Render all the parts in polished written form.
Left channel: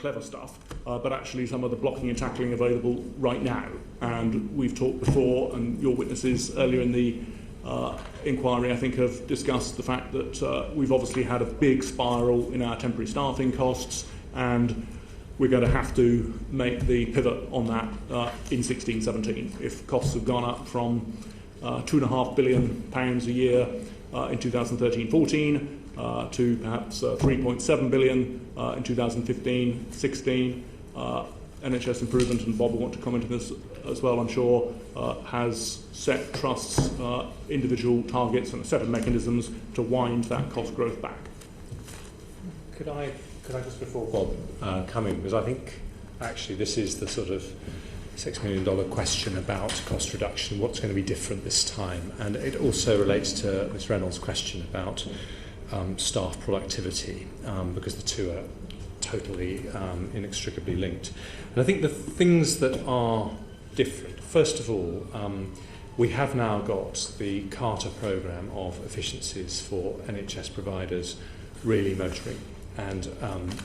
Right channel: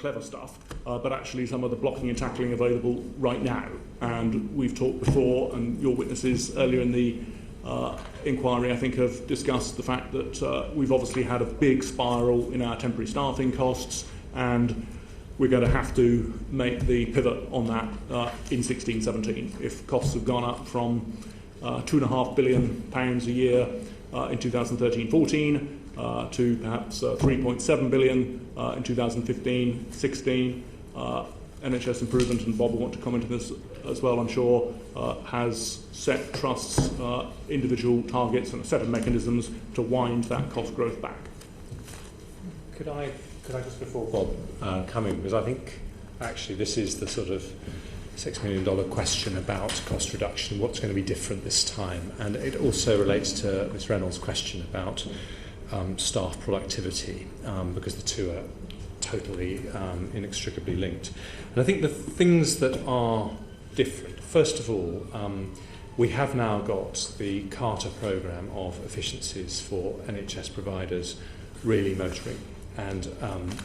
clever stuff, but actually some of the blocking and tackling available right now. And we've talked before, and your witnesses earlier in the inquiry, I think, have discussed the fact that we've obviously had a big spiral in our temporary staffing costs, and we're going to have to make the pivot on that in 16-17. If costs have gone up from £2.5 billion a year in 2013-14 to perhaps 3.7 billion in 2015-16, NHS Improvement, and Bob will want to comment on this as well, I'm sure, has set trusts individual targets and a set of mechanisms to wind that cost growth back. Could I just, before Bob come in, because I think actually this is the sort of $6 million question about cost reduction, what's going to be different this time, and it also relates to Ms Reynolds' question about staff productivity, because the two are totally inextricably linked. And I think the things that are different, first of all, we have now got the Carter programme of efficiencies for NHS providers really motoring, and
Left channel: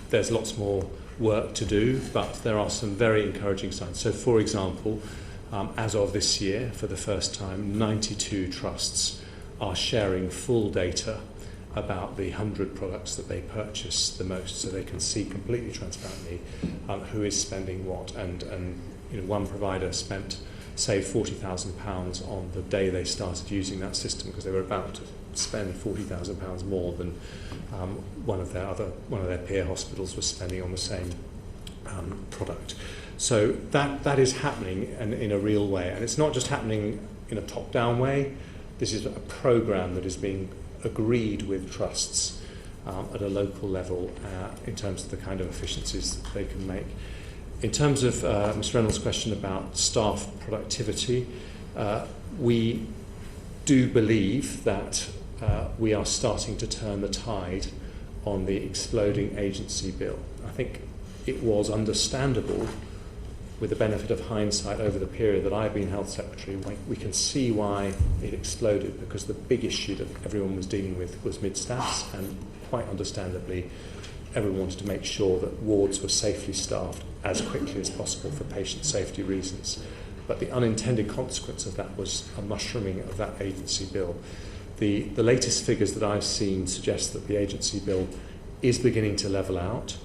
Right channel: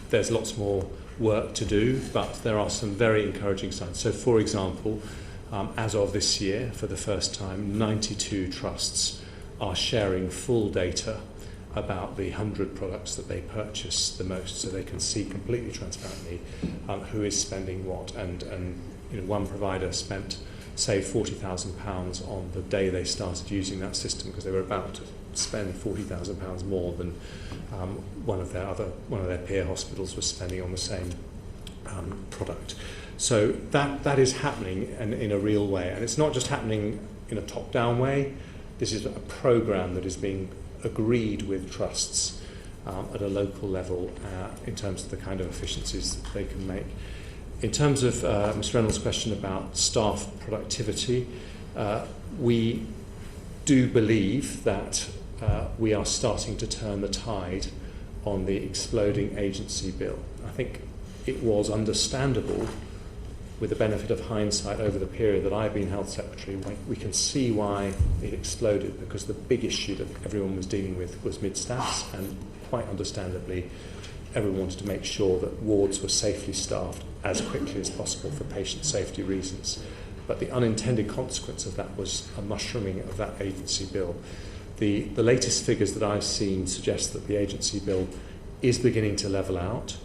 there's lots more work to do, but there are some very encouraging signs. So, for example, as of this year, for the first time, 92 trusts are sharing full data about the 100 products that they purchase the most, so they can see completely transparently who is spending what. And you know, one provider saved £40,000 on the day they started using that system, because they were about to spend £40,000 more than one of their peer hospitals was spending on the same product. So that is happening in a real way, and it's not just happening in a top-down way. This is a programme that is being agreed with trusts at a local level in terms of the kind of efficiencies that they can make. In terms of Ms Reynolds' question about staff productivity, we do believe that we are starting to turn the tide on the exploding agency bill. I think it was understandable, with the benefit of hindsight over the period that I've been Health Secretary. We can see why it exploded, because the big issue that everyone was dealing with was mid-staffs, and quite understandably everyone wanted to make sure that wards were safely staffed as quickly as possible for patient safety reasons. But the unintended consequence of that was a mushrooming of that agency bill. The latest figures that I've seen suggest that the agency bill is beginning to level out.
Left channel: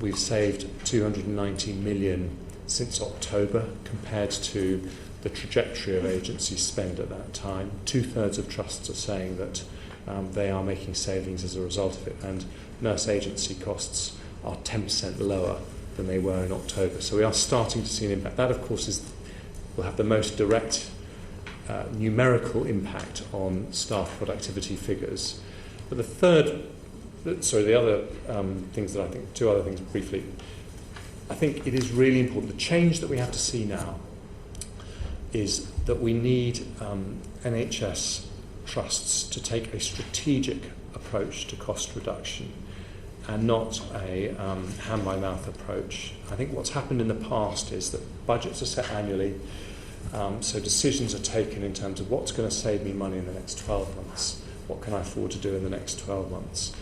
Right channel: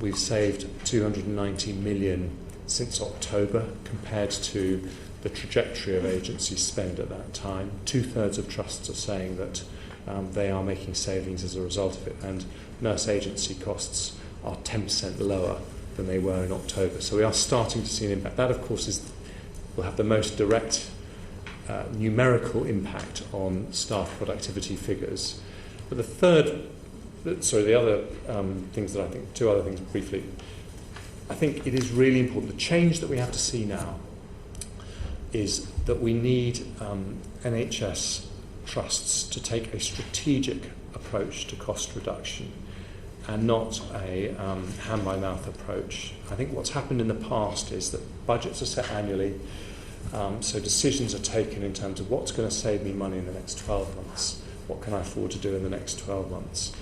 We've saved 290 million since October compared to the trajectory of agency spend at that time. 2/3 of trusts are saying that they are making savings as a result of it, and nurse agency costs are 10% lower than they were in October. So we are starting to see an impact. That, of course, will have the most direct numerical impact on staff productivity figures. But the other things that I think, two other things briefly, I think it is really important. The change that we have to see now is that we need NHS trusts to take a strategic approach to cost reduction and not a hand-by-mouth approach. I think what's happened in the past is that budgets are set annually, so decisions are taken in terms of what's going to save me money in the next 12 months, what can I afford to do in the next 12 months.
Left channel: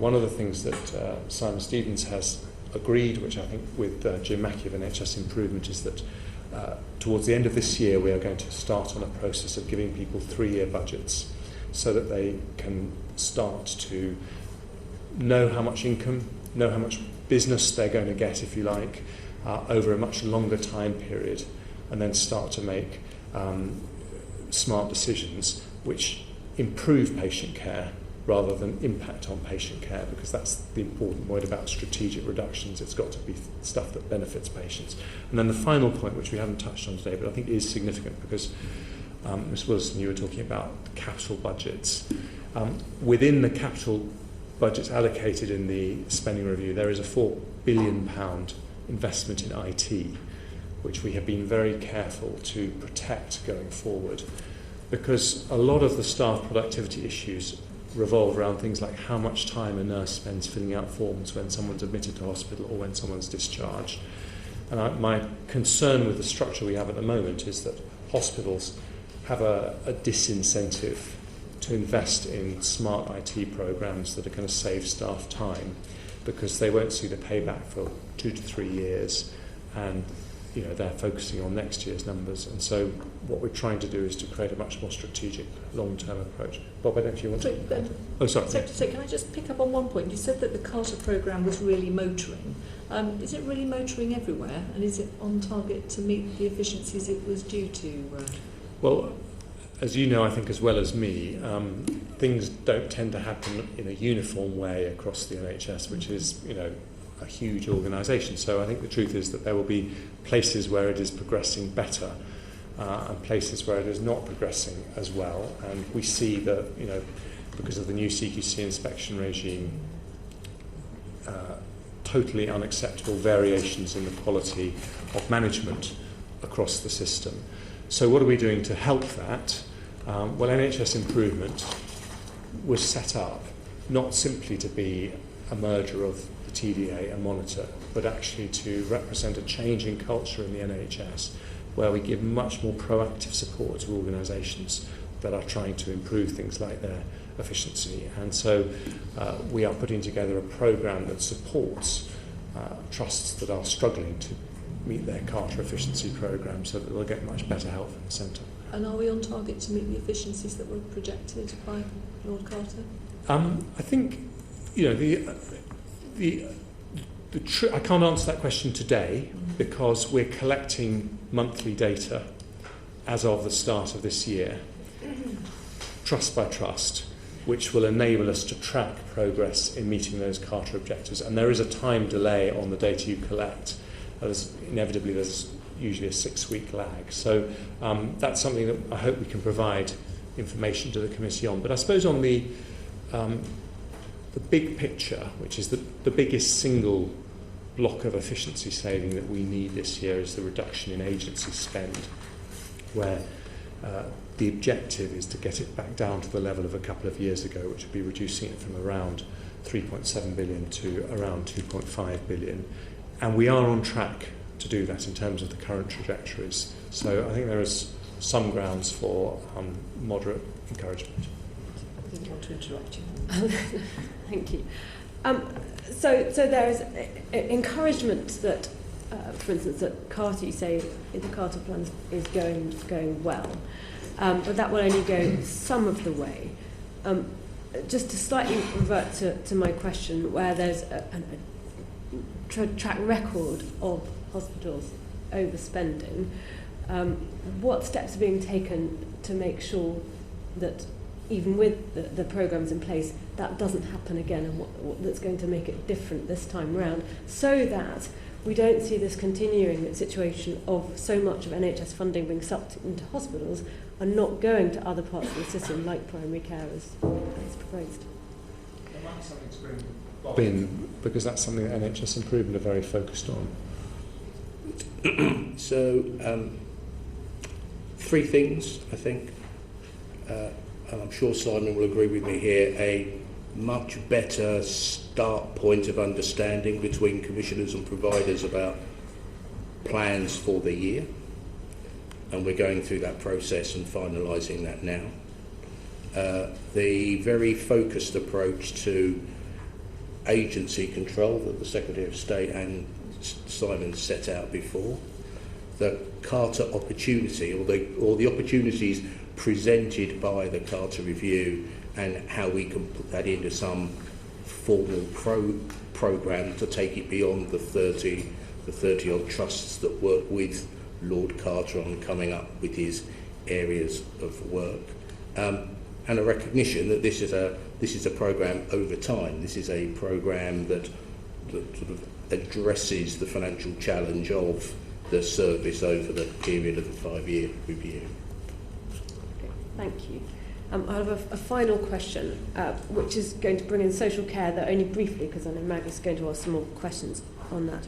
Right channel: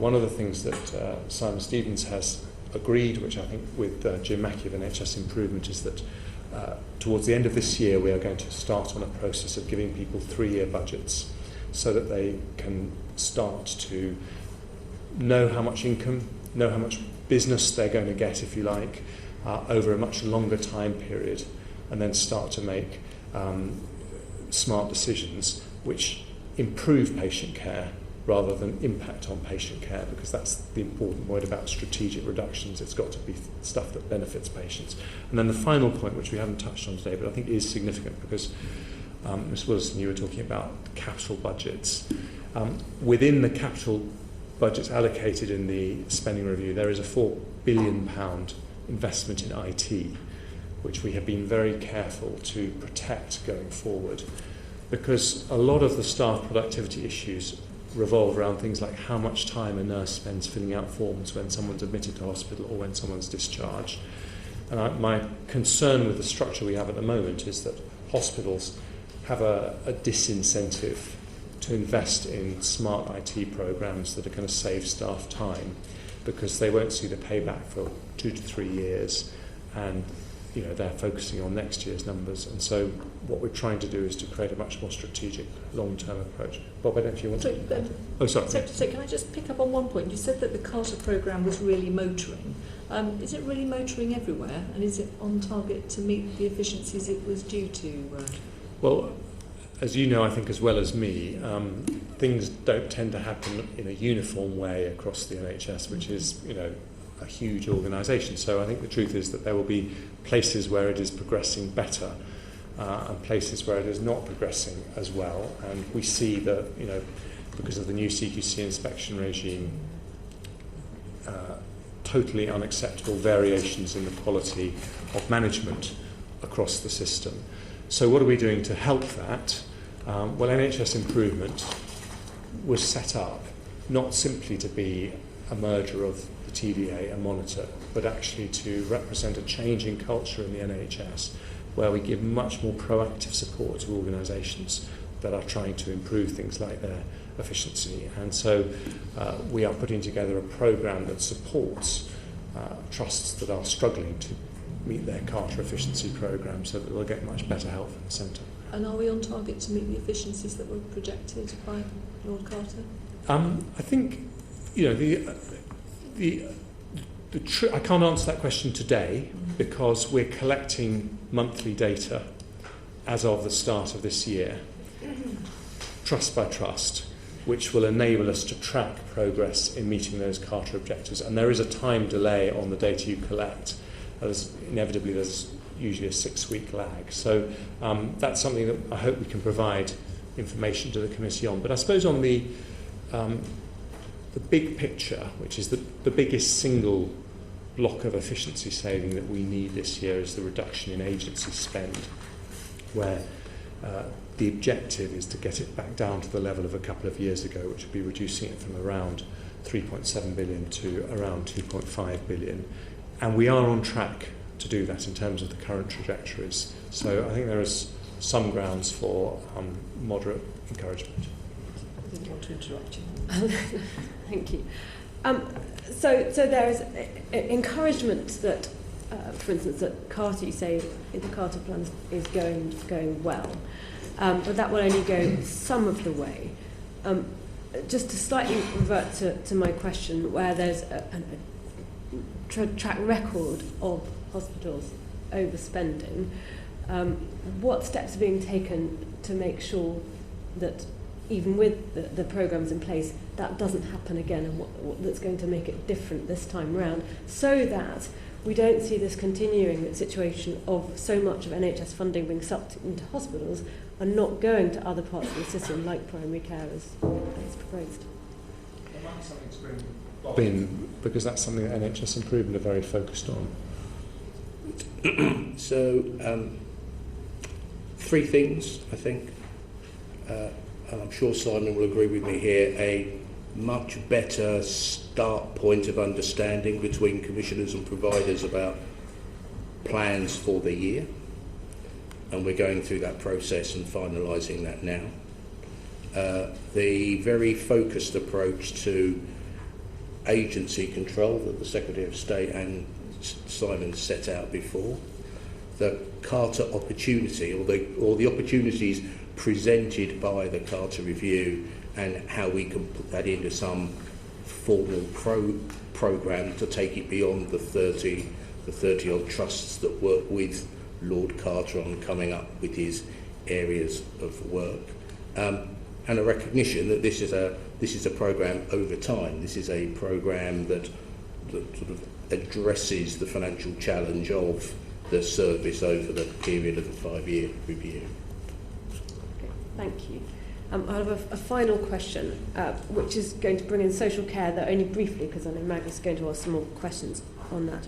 One of the things that Simon Stevens has agreed, which I think with Jim Mackey of NHS Improvement, is that towards the end of this year we are going to start on a process of giving people 3-year budgets so that they can start to know how much income, know how much business they're going to get, if you like, over a much longer time period, and then start to make smart decisions which improve patient care rather than impact on patient care, because that's the important word about strategic reductions. It's got to be stuff that benefits patients. And then the final point, which we haven't touched on today, but I think is significant, because Ms Wilson, you were talking about capital budgets. Within the capital budgets allocated in the spending review, there is a £4 billion investment in IT, which we have been very careful to protect going forward, because a lot of the staff productivity issues revolve around things like how much time a nurse spends filling out forms when someone's admitted to hospital or when someone's discharged. And my concern with the structure we have at the moment is that hospitals have a disincentive to invest in smart IT programs that are going to save staff time, because they won't see the payback for 2 to 3 years, and they're focusing on next year's numbers. And so what we're trying to do is to create a much more strategic long-term approach. Bob, I don't know if you want to... So can I just pick up on one point? You said that the Carter programme was really motoring. Is it really motoring everywhere, and is it on target to meet the efficiencies it was due to? Well, as you know, I think as well as me, things don't tend to happen in a uniform way across the NHS, which is, a huge organisation. So I think the truth is that there will be places where it is progressing better and places where it is not progressing as well. And we see that, because of the new CQC inspection regime, totally unacceptable variations in the quality of management across the system. So what are we doing to help that? Well, NHS Improvement was set up not simply to be a merger of the TDA and Monitor, but actually to represent a change in culture in the NHS, where we give much more proactive support to organisations that are trying to improve things like their efficiency. And so we are putting together a programme that supports trusts that are struggling to meet their Carter efficiency programme, so that they'll get much better help from the centre. And are we on target to meet the efficiencies that were projected by Lord Carter? I think, I can't answer that question today because we're collecting monthly data as of the start of this year, trust by trust, which will enable us to track progress in meeting those Carter objectives. And there is a time delay on the data you collect. There's usually a 6-week lag. So that's something that I hope we can provide information to the committee on. But I suppose on the big picture, which is the biggest single block of efficiency saving that we need this year, is the reduction in agency spend, where the objective is to get it back down to the level of a couple of years ago, which would be reducing it from around 3.7 billion to around 2.5 billion. And we are on track to do that in terms of the current trajectories. So I think there is some grounds for moderate encouragement. I didn't want to interrupt you. Thank you. So there is encouragement that, for instance, that Carter, you say the Carter plan is going well, but that will only go some of the way. Just to slightly revert to my question, where there's a track record of hospitals overspending, what steps are being taken to make sure that even with the programmes in place, that doesn't happen again, and what that's going to make it different this time round, so that we don't see this continuing situation of so much of NHS funding being sucked into hospitals and not going to other parts of the system, like primary care as proposed. Because that's something that NHS Improvement are very focused on. So, 3 things, I think, and I'm sure Simon will agree with me here: a much better start point of understanding between commissioners and providers about plans for the year, and we're going through that process and finalising that now. The very focused approach to agency control that the Secretary of State and Simon set out before, the Carter opportunity, or the opportunities presented by the Carter review, and how we can put that into some formal programme to take it beyond the 30 odd trusts that work with Lord Carter on coming up with his areas of work, and a recognition that this is a programme over time. This is a programme that sort of addresses the financial challenge of the service over the period of the 5-year review. Okay, thank you. I have a final question, which is going to bring in social care, though only briefly, because I know Maggie's going to ask some more questions on that.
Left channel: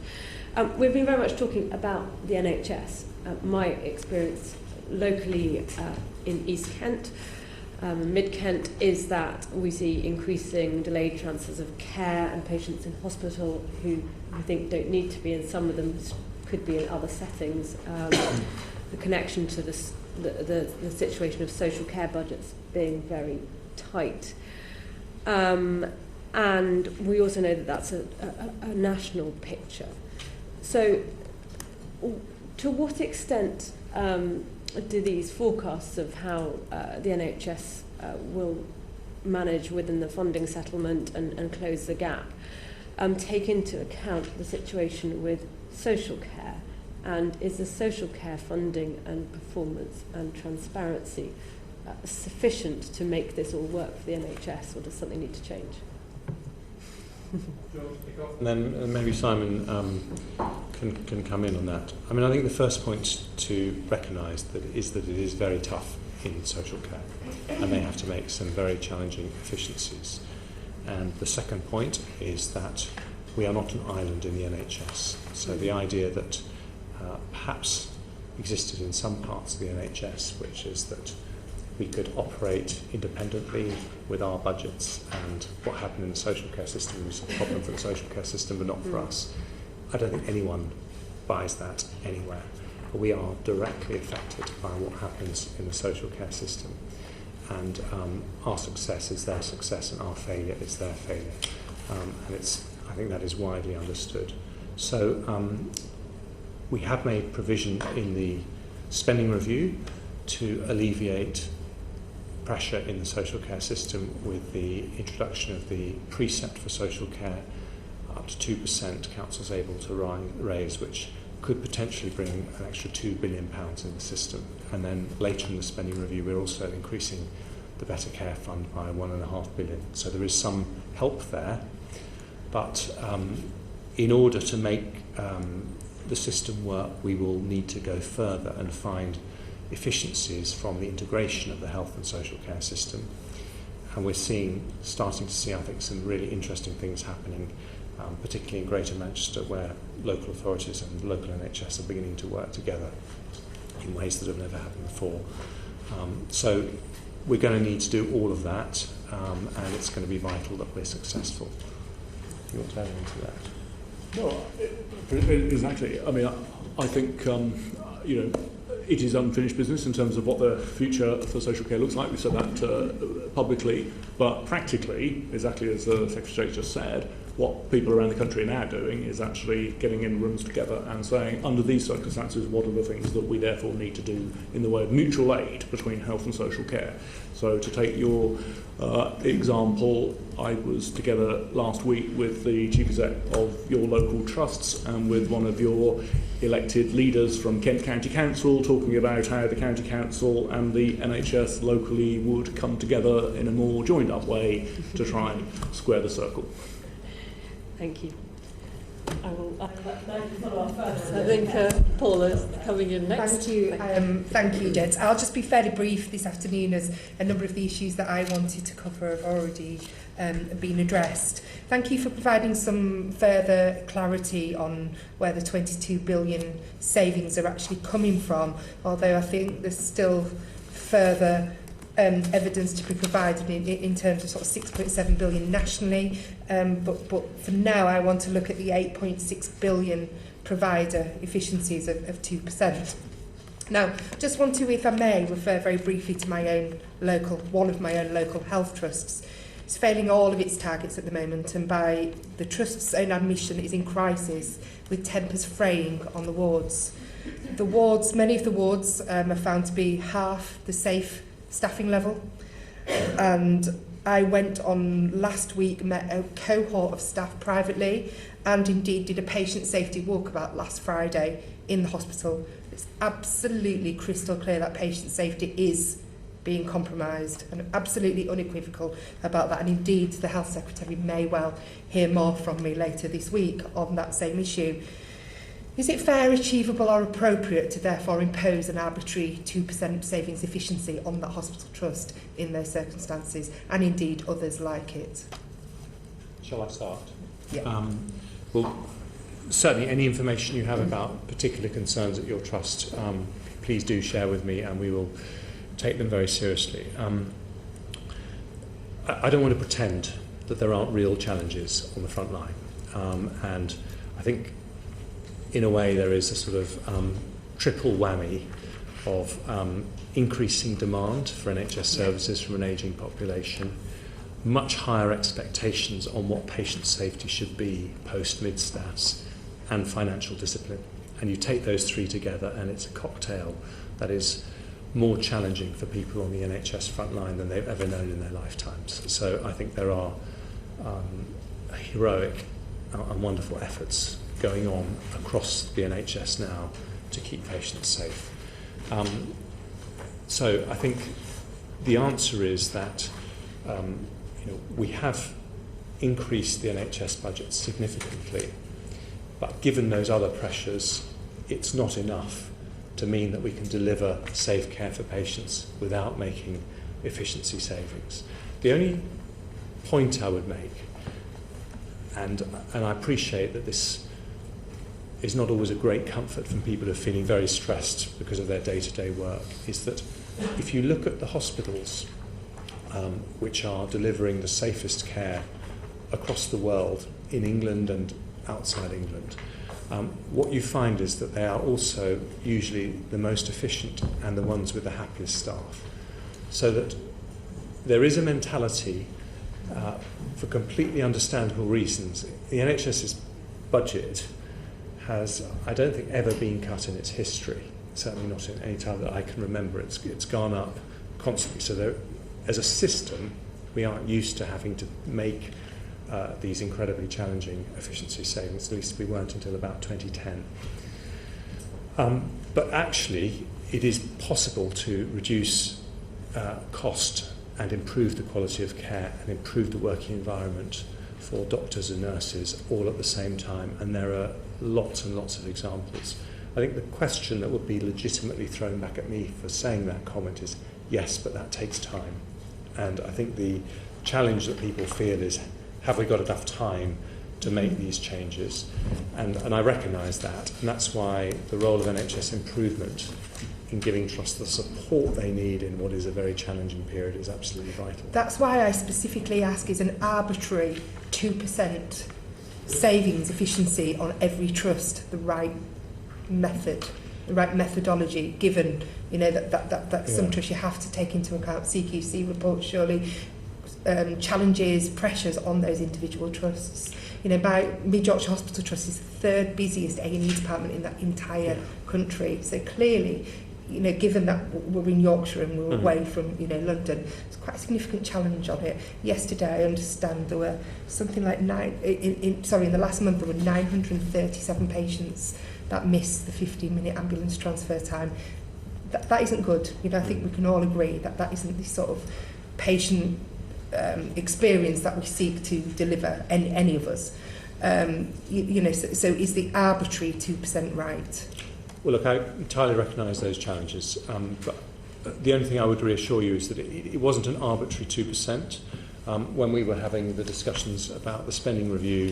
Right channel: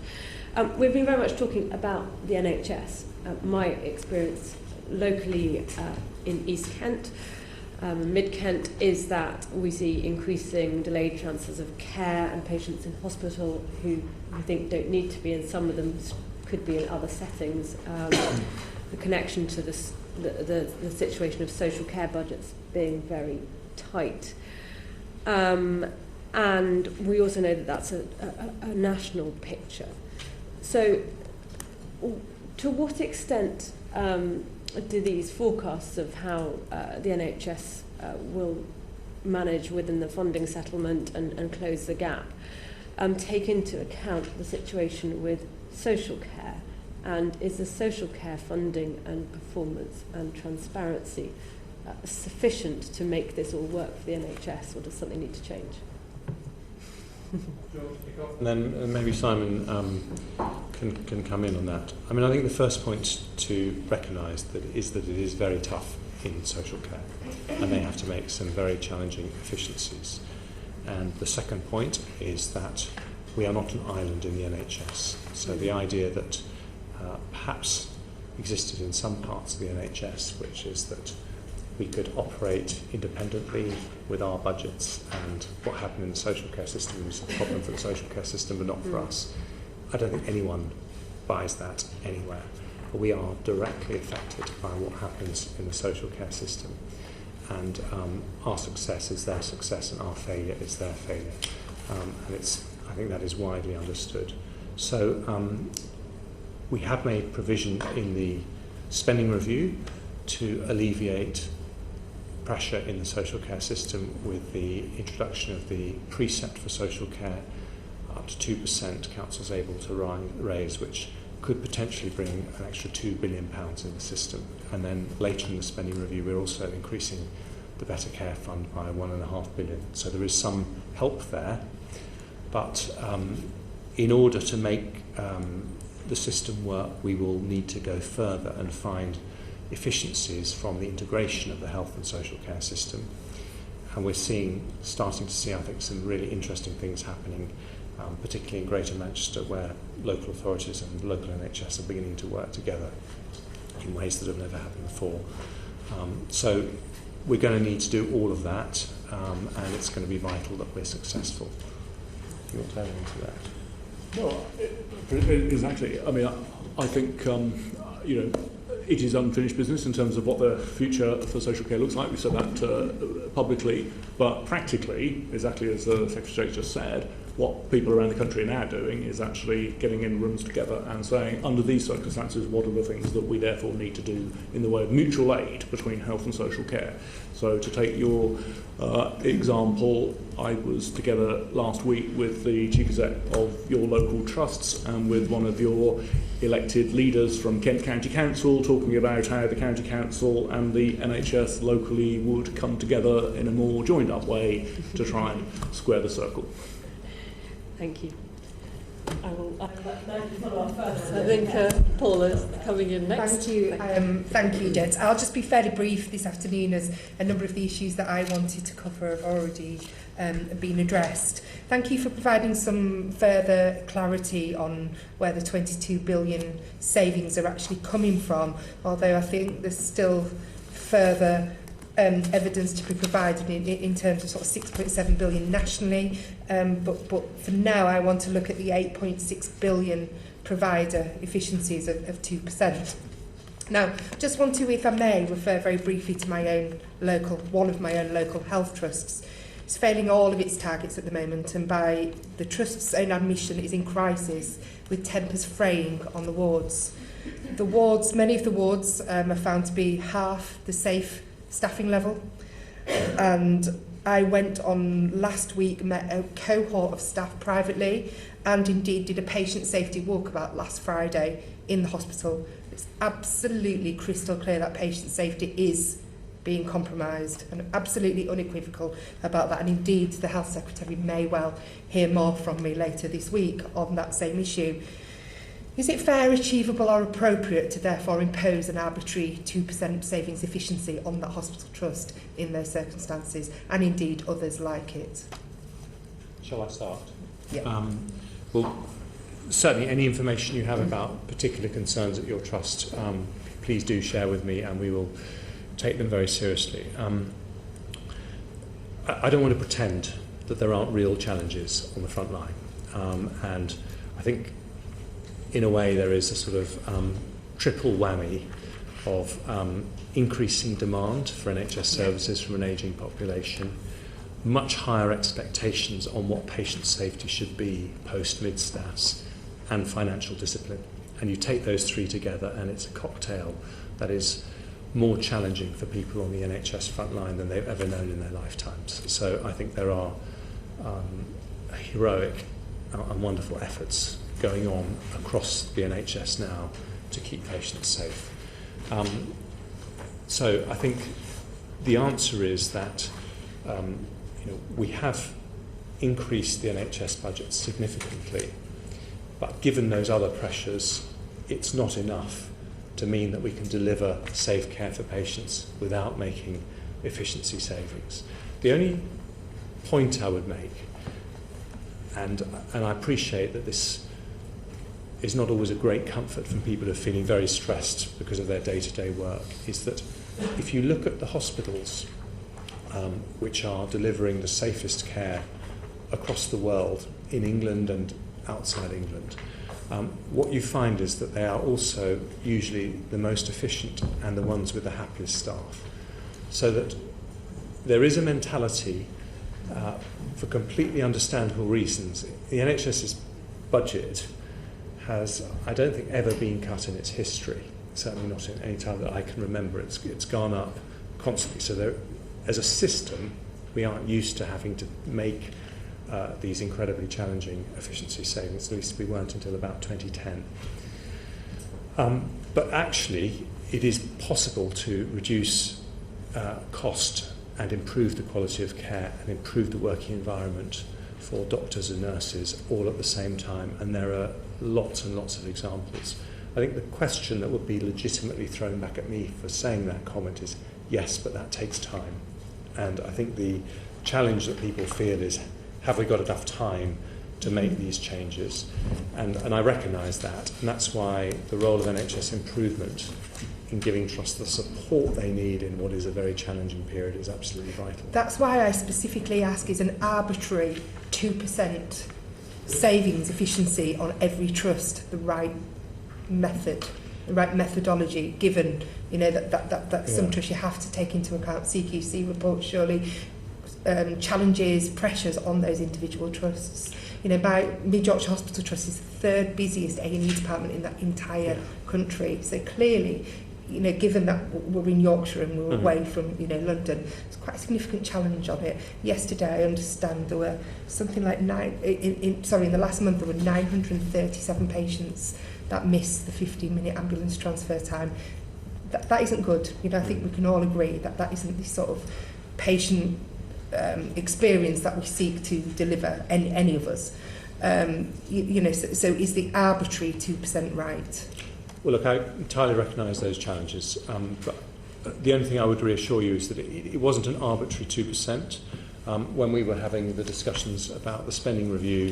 We've been very much talking about the NHS. My experience locally in East Kent, Mid Kent, is that we see increasing delayed transfers of care and patients in hospital who I think don't need to be, and some of them could be in other settings. The connection to this, the situation of social care budgets being very tight. and we also know that that's a national picture. So to what extent do these forecasts of how the NHS will manage within the funding settlement and close the gap take into account the situation with social care? And is the social care funding and performance and transparency sufficient to make this all work for the NHS, or does something need to change? And then maybe Simon can come in on that. I mean, I think the first point to recognise that it is very tough in social care, and they have to make some very challenging efficiencies. And the second point is that we are not an island in the NHS. So the idea that perhaps existed in some parts of the NHS, which is that we could operate independently with our budgets, and what happened in the social care system was a problem for the social care system but not for us. I don't think anyone buys that anywhere. But we are directly affected by what happens in the social care system. And our success is their success and our failure is their failure. And I think that is widely understood. So we have made provision in the spending review to alleviate pressure in the social care system with the introduction of the precept for social care up to 2% council's able to raise, which could potentially bring an extra £2 billion in the system. And then later in the spending review we're also increasing the Better Care Fund by £1.5 billion. So there is some help there, but in order to make the system work, we will need to go further and find efficiencies from the integration of the health and social care system. And we're starting to see, I think, some really interesting things happening, particularly in Greater Manchester, where local authorities and local NHS are beginning to work together in ways that have never happened before. So we're going to need to do all of that, and it's going to be vital that we're successful. Do you want to add into that? Well, exactly. I mean, I think it is unfinished business in terms of what the future for social care looks like. We said that publicly, but practically, exactly as the Secretary just said, what people around the country are now doing is actually getting in rooms together and saying, under these circumstances, what are the things that we therefore need to do in the way of mutual aid between health and social care. So to take your example, I was together last week with the Chief Exec of your local trusts and with one of your elected leaders from Kent County Council, talking about how the County Council and the NHS locally would come together in a more joined up way to try and square the circle. Thank you. I think Paula's coming in next. Thank you, Debs. I'll just be fairly brief this afternoon, as a number of the issues that I wanted to cover have already been addressed. Thank you for providing some further clarity on where the 22 billion savings are actually coming from, although I think there's still further evidence to be provided in terms of sort of 6.7 billion nationally, but for now I want to look at the 8.6 billion provider efficiencies of 2%. Now, just want to, if I may, refer very briefly to one of my own local health trusts. It's failing all of its targets at the moment, and by the trust's own admission, it is in crisis with tempers fraying on the wards. Many of the wards are found to be half the safe staffing level, and I went on last week, met a cohort of staff privately, and indeed did a patient safety walkabout last Friday in the hospital. It's absolutely crystal clear that patient safety is being compromised, and absolutely unequivocal about that, and indeed the Health Secretary may well hear more from me later this week on that same issue. Is it fair, achievable or appropriate to therefore impose an arbitrary 2% savings efficiency on that hospital trust in those circumstances, and indeed others like it? Shall I start? Yeah. Well, certainly any information you have about particular concerns at your trust, please do share with me, and we will take them very seriously. I don't want to pretend that there aren't real challenges on the front line, and I think in a way there is a sort of triple whammy of increasing demand for NHS services from an ageing population, much higher expectations on what patient safety should be post-mid-stats and financial discipline. And you take those three together and it's a cocktail that is more challenging for people on the NHS front line than they've ever known in their lifetimes. So I think there are heroic and wonderful efforts going on across the NHS now to keep patients safe. So I think the answer is that we have increased the NHS budget significantly, but given those other pressures, it's not enough to mean that we can deliver safe care for patients without making efficiency savings. The only point I would make, and I appreciate that this is not always a great comfort from people who are feeling very stressed because of their day-to-day work, is that if you look at the hospitals which are delivering the safest care across the world, in England and outside England, what you find is that they are also usually the most efficient and the ones with the happiest staff. So that there is a mentality, for completely understandable reasons. The NHS's budget has, I don't think, ever been cut in its history, certainly not in any time that I can remember. It's gone up constantly. So there, as a system, we aren't used to having to make these incredibly challenging efficiency savings. At least we weren't until about 2010. But actually, it is possible to reduce cost and improve the quality of care and improve the working environment for doctors and nurses all at the same time. And there are lots and lots of examples. I think the question that would be legitimately thrown back at me for saying that comment is, yes, but that takes time. And I think the challenge that people feel is, have we got enough time to make these changes? And I recognise that. And that's why the role of NHS improvement in giving trusts the support they need in what is a very challenging period is absolutely vital. That's why I specifically ask, is an arbitrary 2% savings efficiency on every trust the right method, the right methodology, given that some trusts you have to take into account CQC reports, surely, challenges, pressures on those individual trusts. By Mid Yorkshire Hospital Trust is the third busiest A&E department in that entire country. So clearly, given that we're in Yorkshire and we're away from London, it's quite a significant challenge on it. Yesterday, I understand there were something like in the last month there were 937 patients that missed the 15-minute ambulance transfer time. That isn't good. I think we can all agree that isn't the sort of patient experience that we seek to deliver, any of us. So is the arbitrary 2% right? Well, look, I entirely recognise those challenges, but the only thing I would reassure you is that it wasn't an arbitrary 2%. When we were having the discussions about the spending review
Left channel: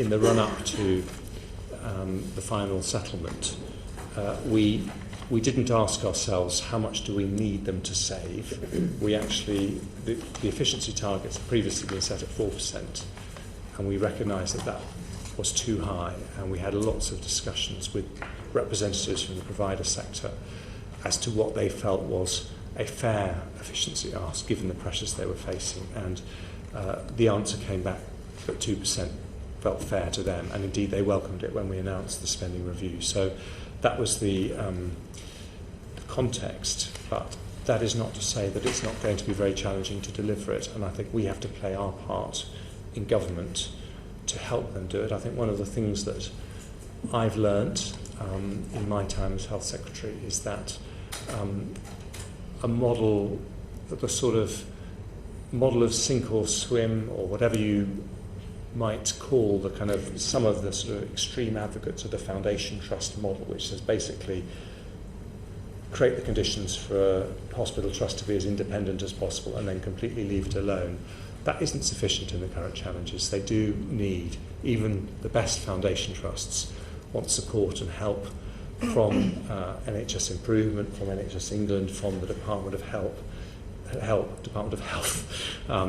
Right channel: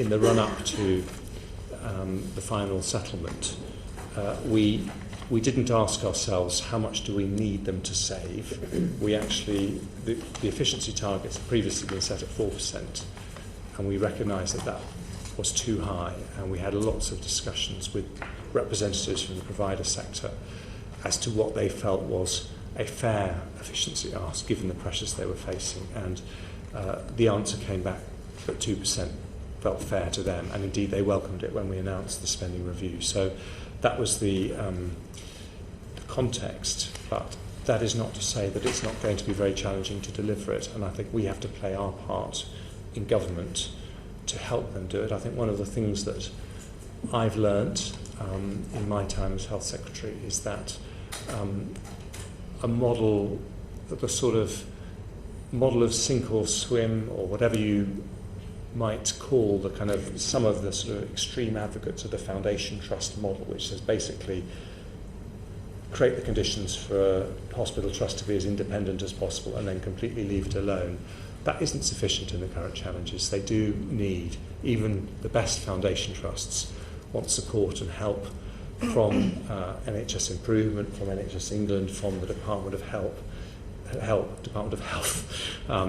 in the run-up to the final settlement, we didn't ask ourselves how much do we need them to save. We actually, the efficiency targets had previously been set at 4%, and we recognised that was too high, and we had lots of discussions with representatives from the provider sector as to what they felt was a fair efficiency ask given the pressures they were facing, and the answer came back that 2% felt fair to them, and indeed they welcomed it when we announced the spending review. So that was the context, but that is not to say that it's not going to be very challenging to deliver it, and I think we have to play our part in government to help them do it. I think one of the things that I've learnt in my time as Health Secretary is that a model, the sort of model of sink or swim, or whatever you might call the kind of some of the sort of extreme advocates of the foundation trust model, which is basically create the conditions for a hospital trust to be as independent as possible and then completely leave it alone. That isn't sufficient in the current challenges. They do need, even the best foundation trusts want support and help from NHS Improvement, from NHS England, from the Department of Health,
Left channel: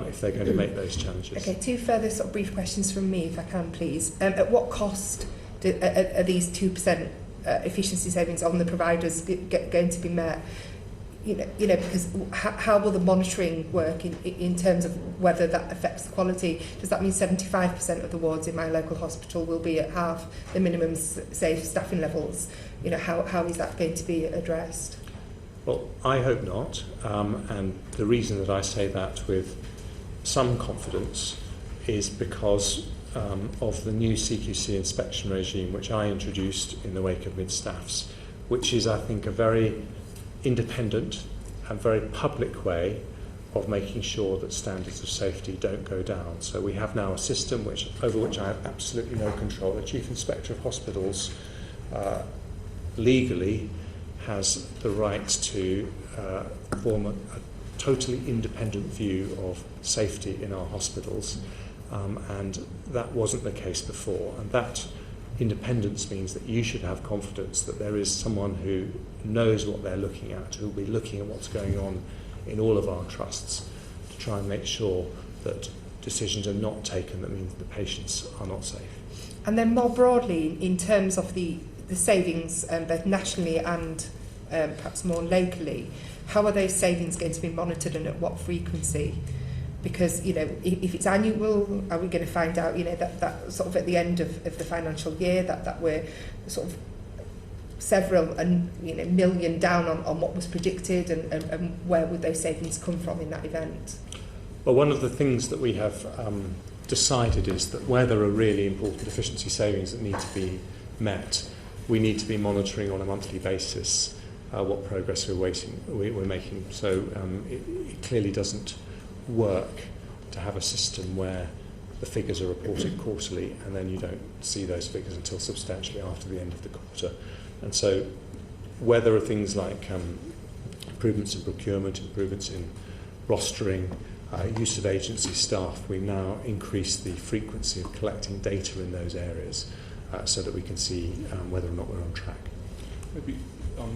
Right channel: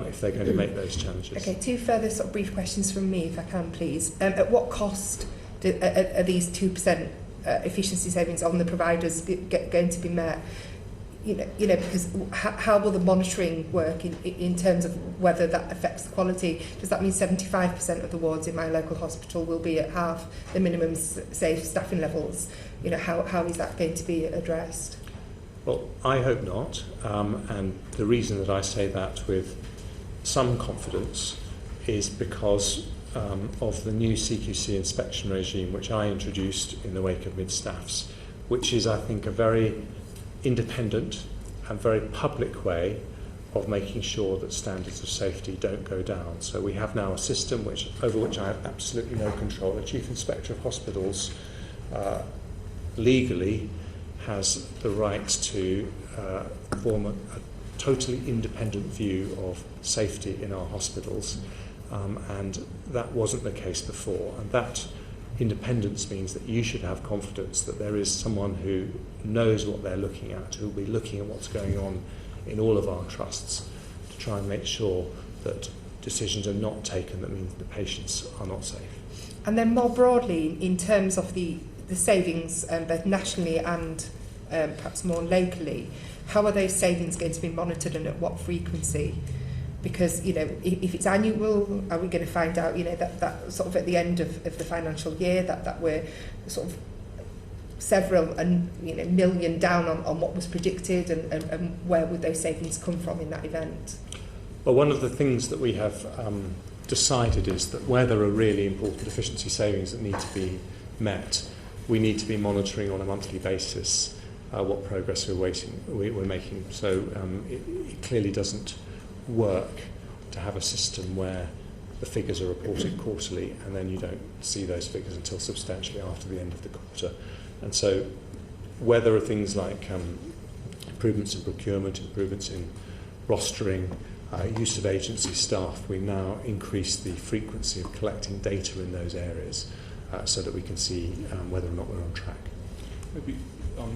if they're going to make those challenges. Okay, two further sort of brief questions from me, if I can, please. At what cost are these 2% efficiency savings on the providers going to be met? because how will the monitoring work in terms of whether that affects the quality? Does that mean 75% of the wards in my local hospital will be at half the minimum safe staffing levels? How is that going to be addressed? Well, I hope not, and the reason that I say that with some confidence is because of the new CQC inspection regime which I introduced in the wake of mid-staffs, which is, I think, a very independent and very public way of making sure that standards of safety don't go down. So we have now a system over which I have absolutely no control. The Chief Inspector of Hospitals legally has the right to form a totally independent view of safety in our hospitals, and that wasn't the case before. And that independence means that you should have confidence that there is someone who knows what they're looking at, who will be looking at what's going on in all of our trusts to try and make sure that decisions are not taken that means the patients are not safe. And then more broadly, in terms of the savings, both nationally and perhaps more locally, how are those savings going to be monitored and at what frequency? Because, if it's annual, are we going to find out, that sort of at the end of the financial year that we're sort of several million down on what was predicted, and where would those savings come from in that event? Well, one of the things that we have decided is that where there are really important efficiency savings that need to be met, we need to be monitoring on a monthly basis what progress we're making. So it clearly doesn't work to have a system where the figures are reported quarterly and then you don't see those figures until substantially after the end of the quarter. And so where there are things like improvements in procurement, improvements in rostering, use of agency staff, we now increase the frequency of collecting data in those areas so that we can see whether or not we're on track. Maybe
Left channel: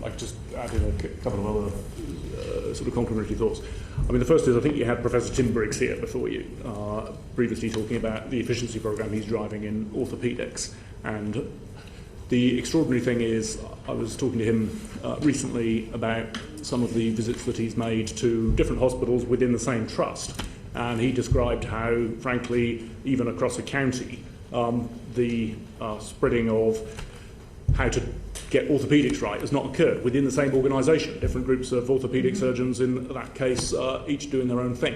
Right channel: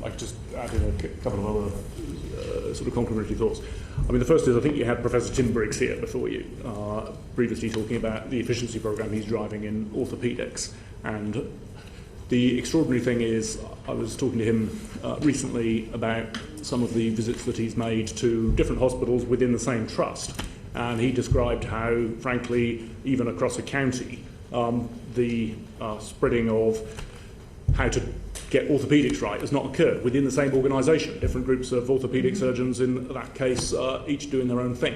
I could just add in a couple of other sort of complementary thoughts. I mean, the first is I think you had Professor Tim Briggs here before you, previously talking about the efficiency programme he's driving in orthopaedics. And the extraordinary thing is, I was talking to him recently about some of the visits that he's made to different hospitals within the same trust. And he described how, frankly, even across a county, the spreading of how to get orthopaedics right has not occurred within the same organisation. Different groups of orthopaedic surgeons, in that case, each doing their own thing.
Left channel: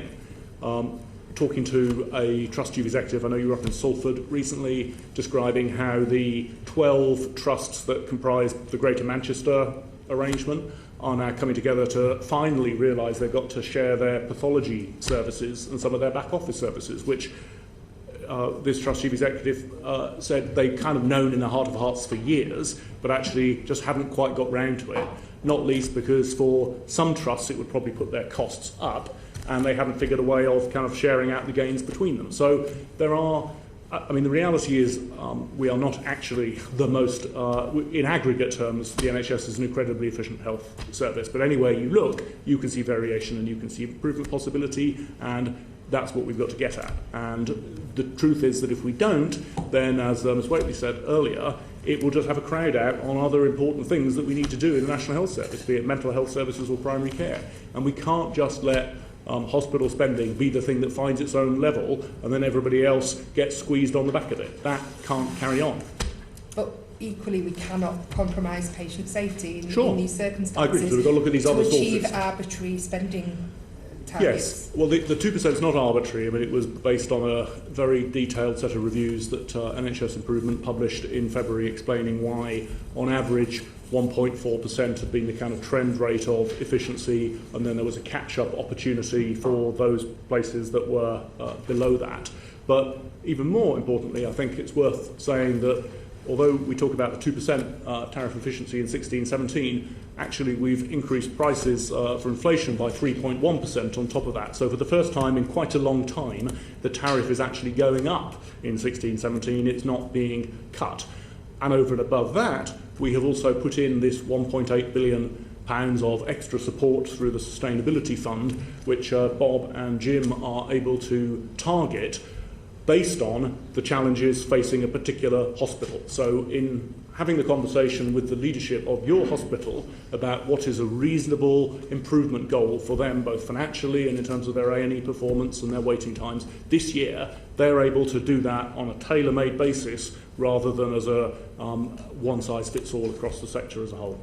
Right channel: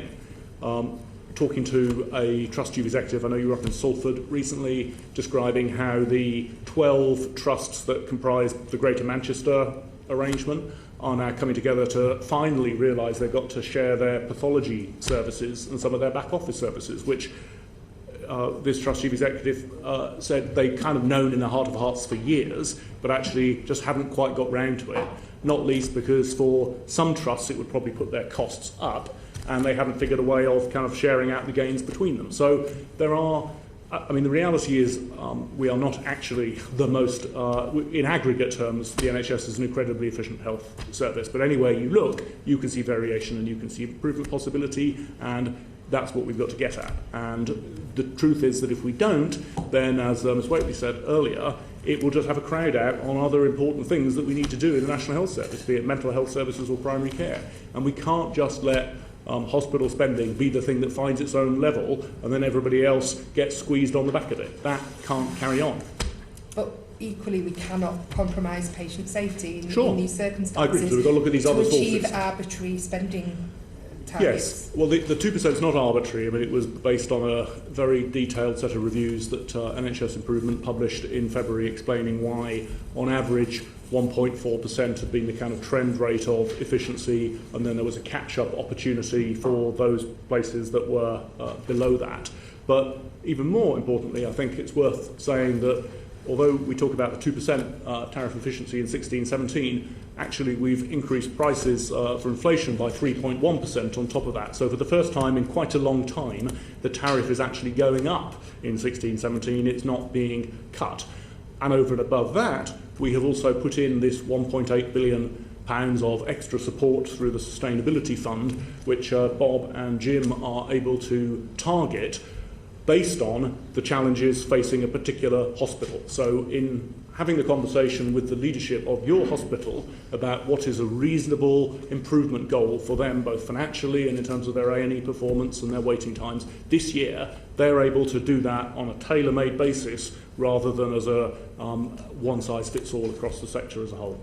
Talking to a trust chief executive, I know you were up in Salford recently, describing how the 12 trusts that comprise the Greater Manchester arrangement are now coming together to finally realise they've got to share their pathology services and some of their back office services, which this trust chief executive said they'd kind of known in their heart of hearts for years, but actually just hadn't quite got round to it, not least because for some trusts it would probably put their costs up, and they haven't figured a way of kind of sharing out the gains between them. So there are, I mean, the reality is we are not actually the most, in aggregate terms, the NHS is an incredibly efficient health service, but anywhere you look, you can see variation and you can see improvement possibility, and that's what we've got to get at. And the truth is that if we don't, then, as Ms Waitley said earlier, it will just have a crowd out on other important things that we need to do in the National Health Service, be it mental health services or primary care. And we can't just let hospital spending be the thing that finds its own level and then everybody else gets squeezed on the back of it. That can't carry on. But equally, we cannot compromise patient safety in these circumstances. I agree. So we've got to look at these other sources. To achieve arbitrary spending targets. Yes. Well, the 2% is not arbitrary. I mean, it was based on a very detailed set of reviews that NHS Improvement published in February explaining why, on average, 1.4% had been the kind of trend rate of efficiency, and then there was a catch-up opportunity for those places that were below that. But even more importantly, I think it's worth saying that although we talk about the 2% tariff efficiency in 16-17, actually we've increased prices for inflation by 3.1% on top of that. So for the first time in quite a long time, the tariff is actually going up in 16-17, it's not being cut. And over and above that, we have also put in this £1.8 billion of extra support through the Sustainability Fund, which Bob and Jim are able to target based on the challenges facing a particular hospital. So in having the conversation with the leadership of your hospital about what is a reasonable improvement goal for them, both financially and in terms of their A&E performance and their waiting times, this year they're able to do that on a tailor-made basis rather than as a one-size-fits-all across the sector as a whole.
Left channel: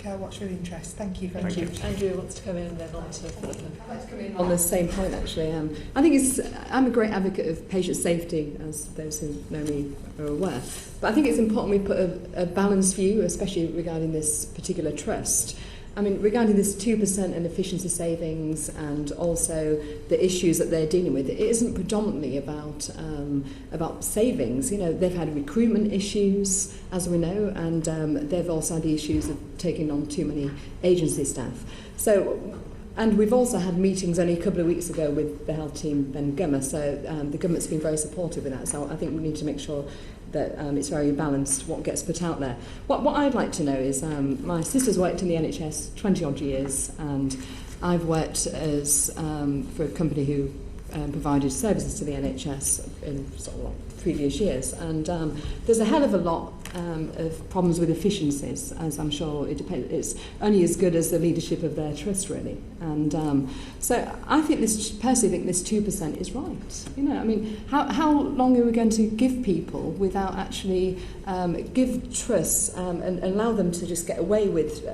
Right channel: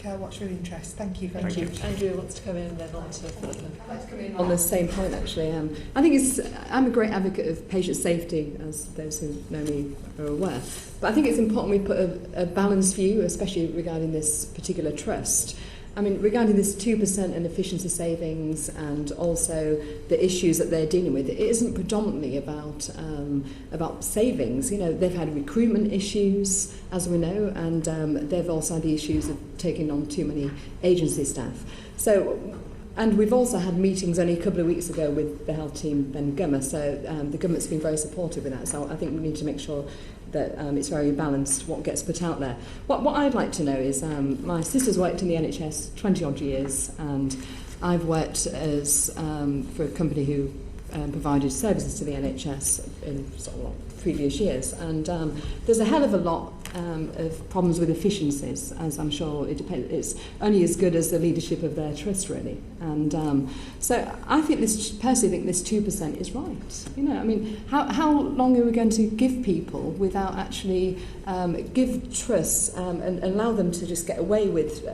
Okay, I'll watch with interest. Thank you very Thank you. much. Andrew wants to come in and then on to I'd like to come in on the same point, actually. I think I'm a great advocate of patient safety, as those who know me are aware. But I think it's important we put a balanced view, especially regarding this particular trust. I mean, regarding this 2% and efficiency savings and also the issues that they're dealing with, it isn't predominantly about savings. You know, they've had recruitment issues, as we know, and they've also had the issues of taking on too many agency staff. So, and we've also had meetings only a couple of weeks ago with the health team and Gummer, so the government's been very supportive with that. So I think we need to make sure that it's very balanced what gets put out there. What I'd like to know is, my sister's worked in the NHS 20 odd years, and I've worked as for a company who provided services to the NHS in sort of previous years, and there's a hell of a lot of problems with efficiencies, as I'm sure it depends. It's only as good as the leadership of their trust, really. And so I think personally think this 2% is right. You know, I mean, how long are we going to give people without actually give trusts and allow them to just get away with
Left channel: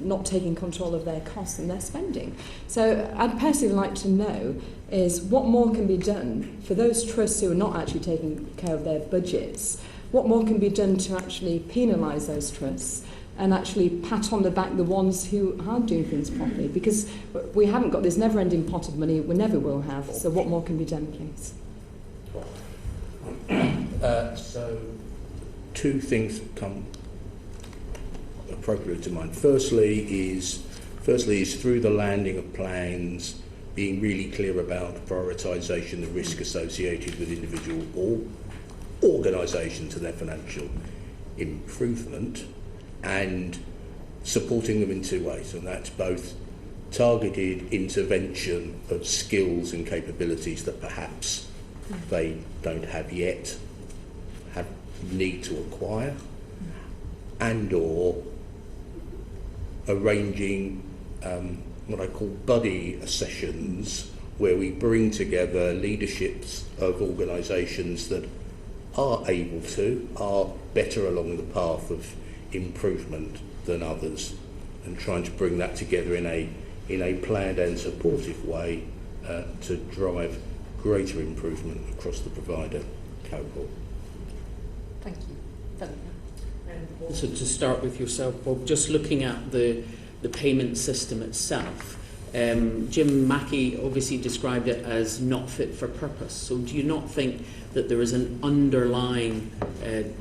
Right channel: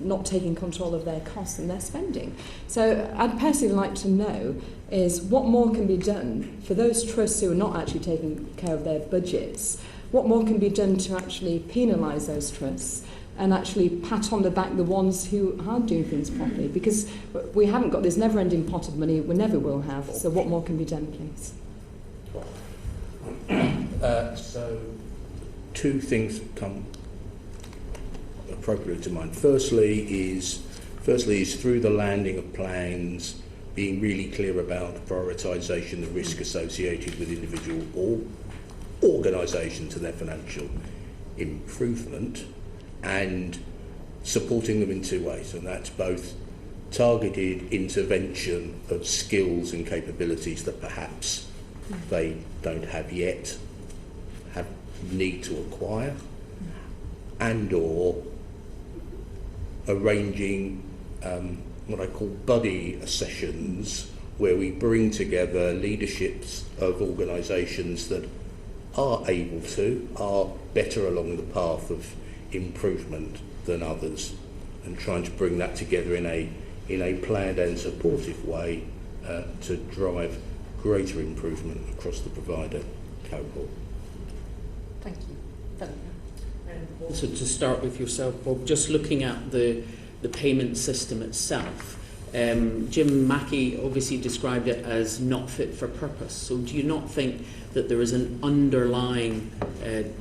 not taking control of their costs and their spending? So I'd personally like to know is what more can be done for those trusts who are not actually taking care of their budgets. What more can be done to actually penalise those trusts and actually pat on the back the ones who aren't doing things properly? Because we haven't got this never-ending pot of money, we never will have. So what more can be done, please? So two things come appropriately to mind. Firstly is through the landing of plans, being really clear about prioritisation, the risk associated with individual or organisation to their financial improvement, and supporting them in two ways, and that's both targeted intervention of skills and capabilities that perhaps they don't have yet, need to acquire, and or arranging what I call buddy sessions, where we bring together leaderships of organisations that are able to, are better along the path of improvement than others, and trying to bring that together in a planned and supportive way to drive greater improvement across the provider cohort. Thank you. So to start with yourself, Bob, just looking at the payment system itself, Jim Mackey obviously described it as not fit for purpose. So do you not think that there is an underlying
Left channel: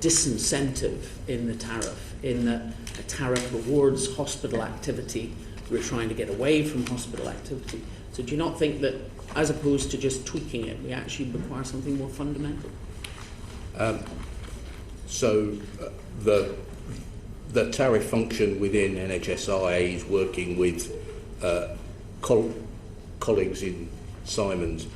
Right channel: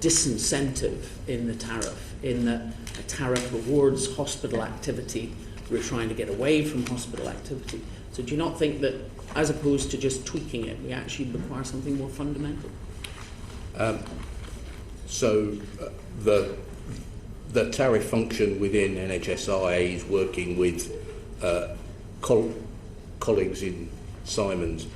disincentive in the tariff, in that a tariff rewards hospital activity? We're trying to get away from hospital activity. So do you not think that, as opposed to just tweaking it, we actually require something more fundamental? The tariff function within NHSI is working with colleagues in Simon's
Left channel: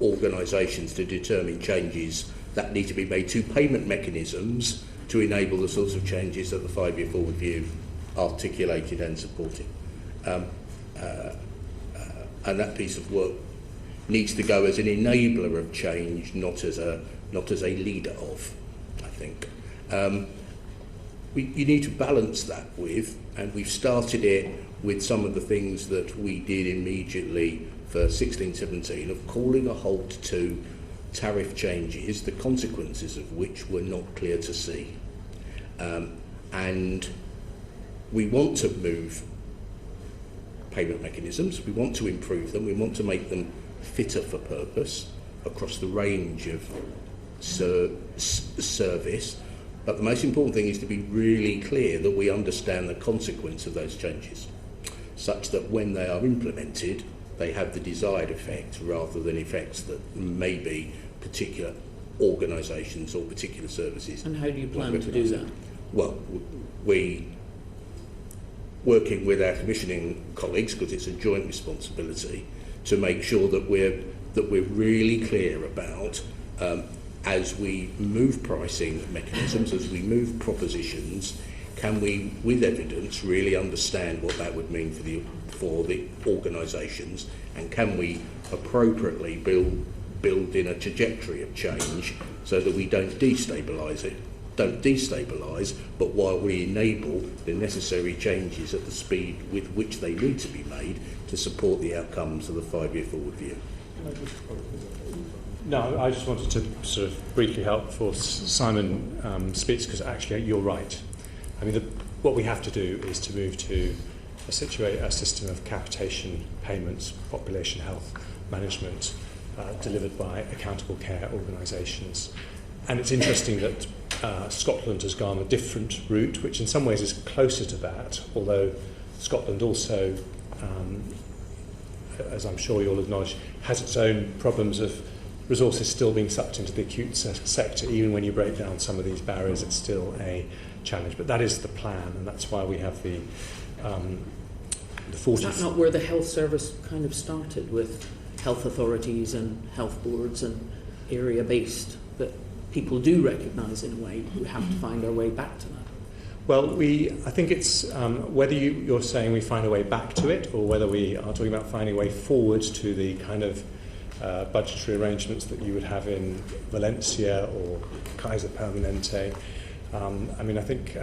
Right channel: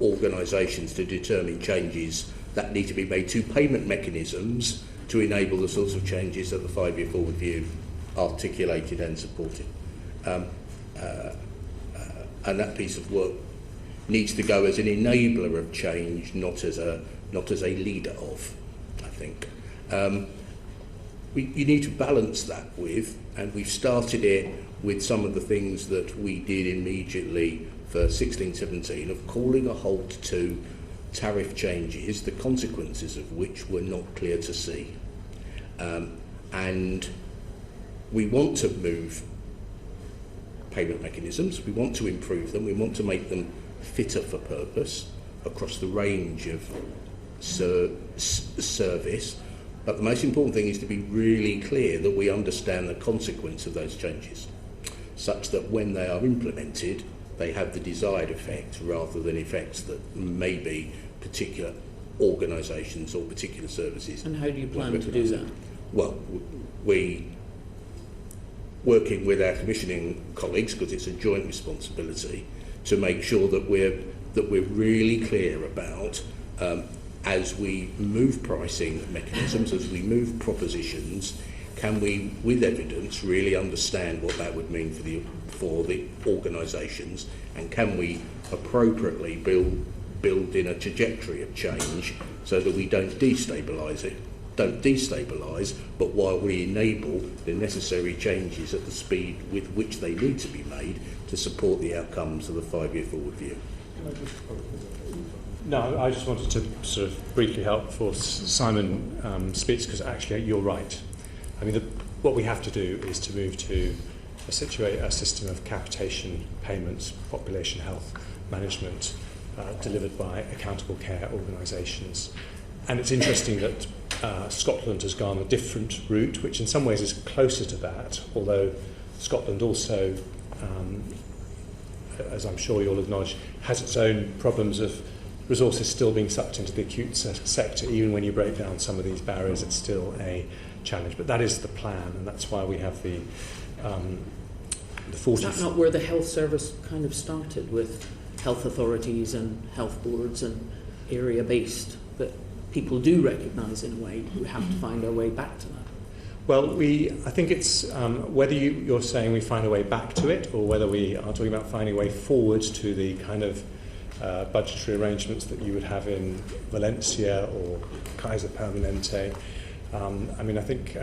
organisations to determine changes that need to be made to payment mechanisms to enable the sorts of changes that the 5-year forward view articulated and supported. And that piece of work needs to go as an enabler of change, not as a leader of, I think. You need to balance that with, and we've started it with some of the things that we did immediately for 16-17, of calling a halt to tariff changes, the consequences of which were not clear to see. And we want to move payment mechanisms, we want to improve them, we want to make them fitter for purpose across the range of service. But the most important thing is to be really clear that we understand the consequence of those changes, such that when they are implemented, they have the desired effect rather than effects that maybe particular organisations or particular services. And how do you plan to do that? Well, we, working with our commissioning colleagues, because it's a joint responsibility, to make sure that we're really clear about as we move pricing mechanisms, as we move propositions, can we, with evidence, really understand what that would mean for the organisations, and can we appropriately build in a trajectory of change so that we don't destabilise, but while we enable the necessary changes at the speed with which they need to be made to support the outcomes of the 5-year forward view. No, I just wanted to sort of briefly help before Simon speaks, because actually you're right. I mean, what we have to do is to move to a system of capitation payments, population health management, delivered by accountable care organisations. And it's interesting that Scotland has gone a different route, which in some ways is closer to that, although Scotland also, as I'm sure you'll acknowledge, has its own problems of resources still being sucked into the acute sector. Even when you break down some of these barriers, it's still a challenge. But that is the plan, and that's why we have the 40... Is that not where the health service kind of started, with health authorities and health boards and area-based, that people do recognise in a way? We have to find our way back to that. Well, I think it's whether you're saying we find a way back to it, or whether we are talking about finding a way forward to the kind of budgetary arrangements that you would have in Valencia or Kaiser Permanente. I mean, I think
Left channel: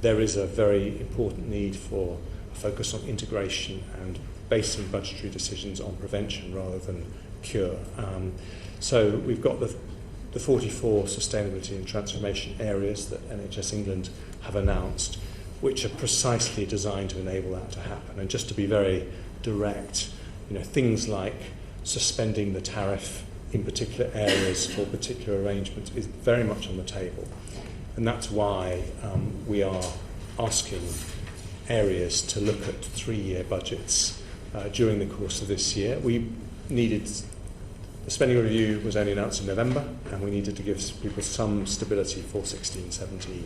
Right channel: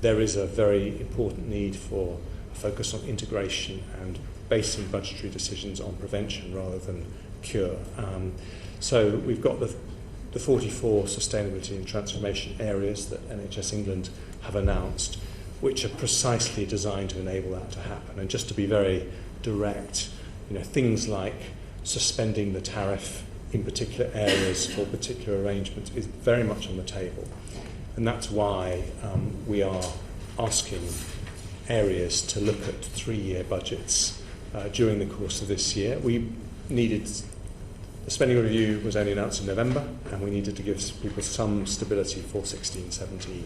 there is a very important need for a focus on integration and basing budgetary decisions on prevention rather than cure. So we've got the 44 sustainability and transformation areas that NHS England have announced, which are precisely designed to enable that to happen. And just to be very direct, things like suspending the tariff in particular areas for particular arrangements is very much on the table. And that's why we are asking areas to look at 3-year budgets during the course of this year. The spending review was only announced in November, and we needed to give people some stability for 16-17.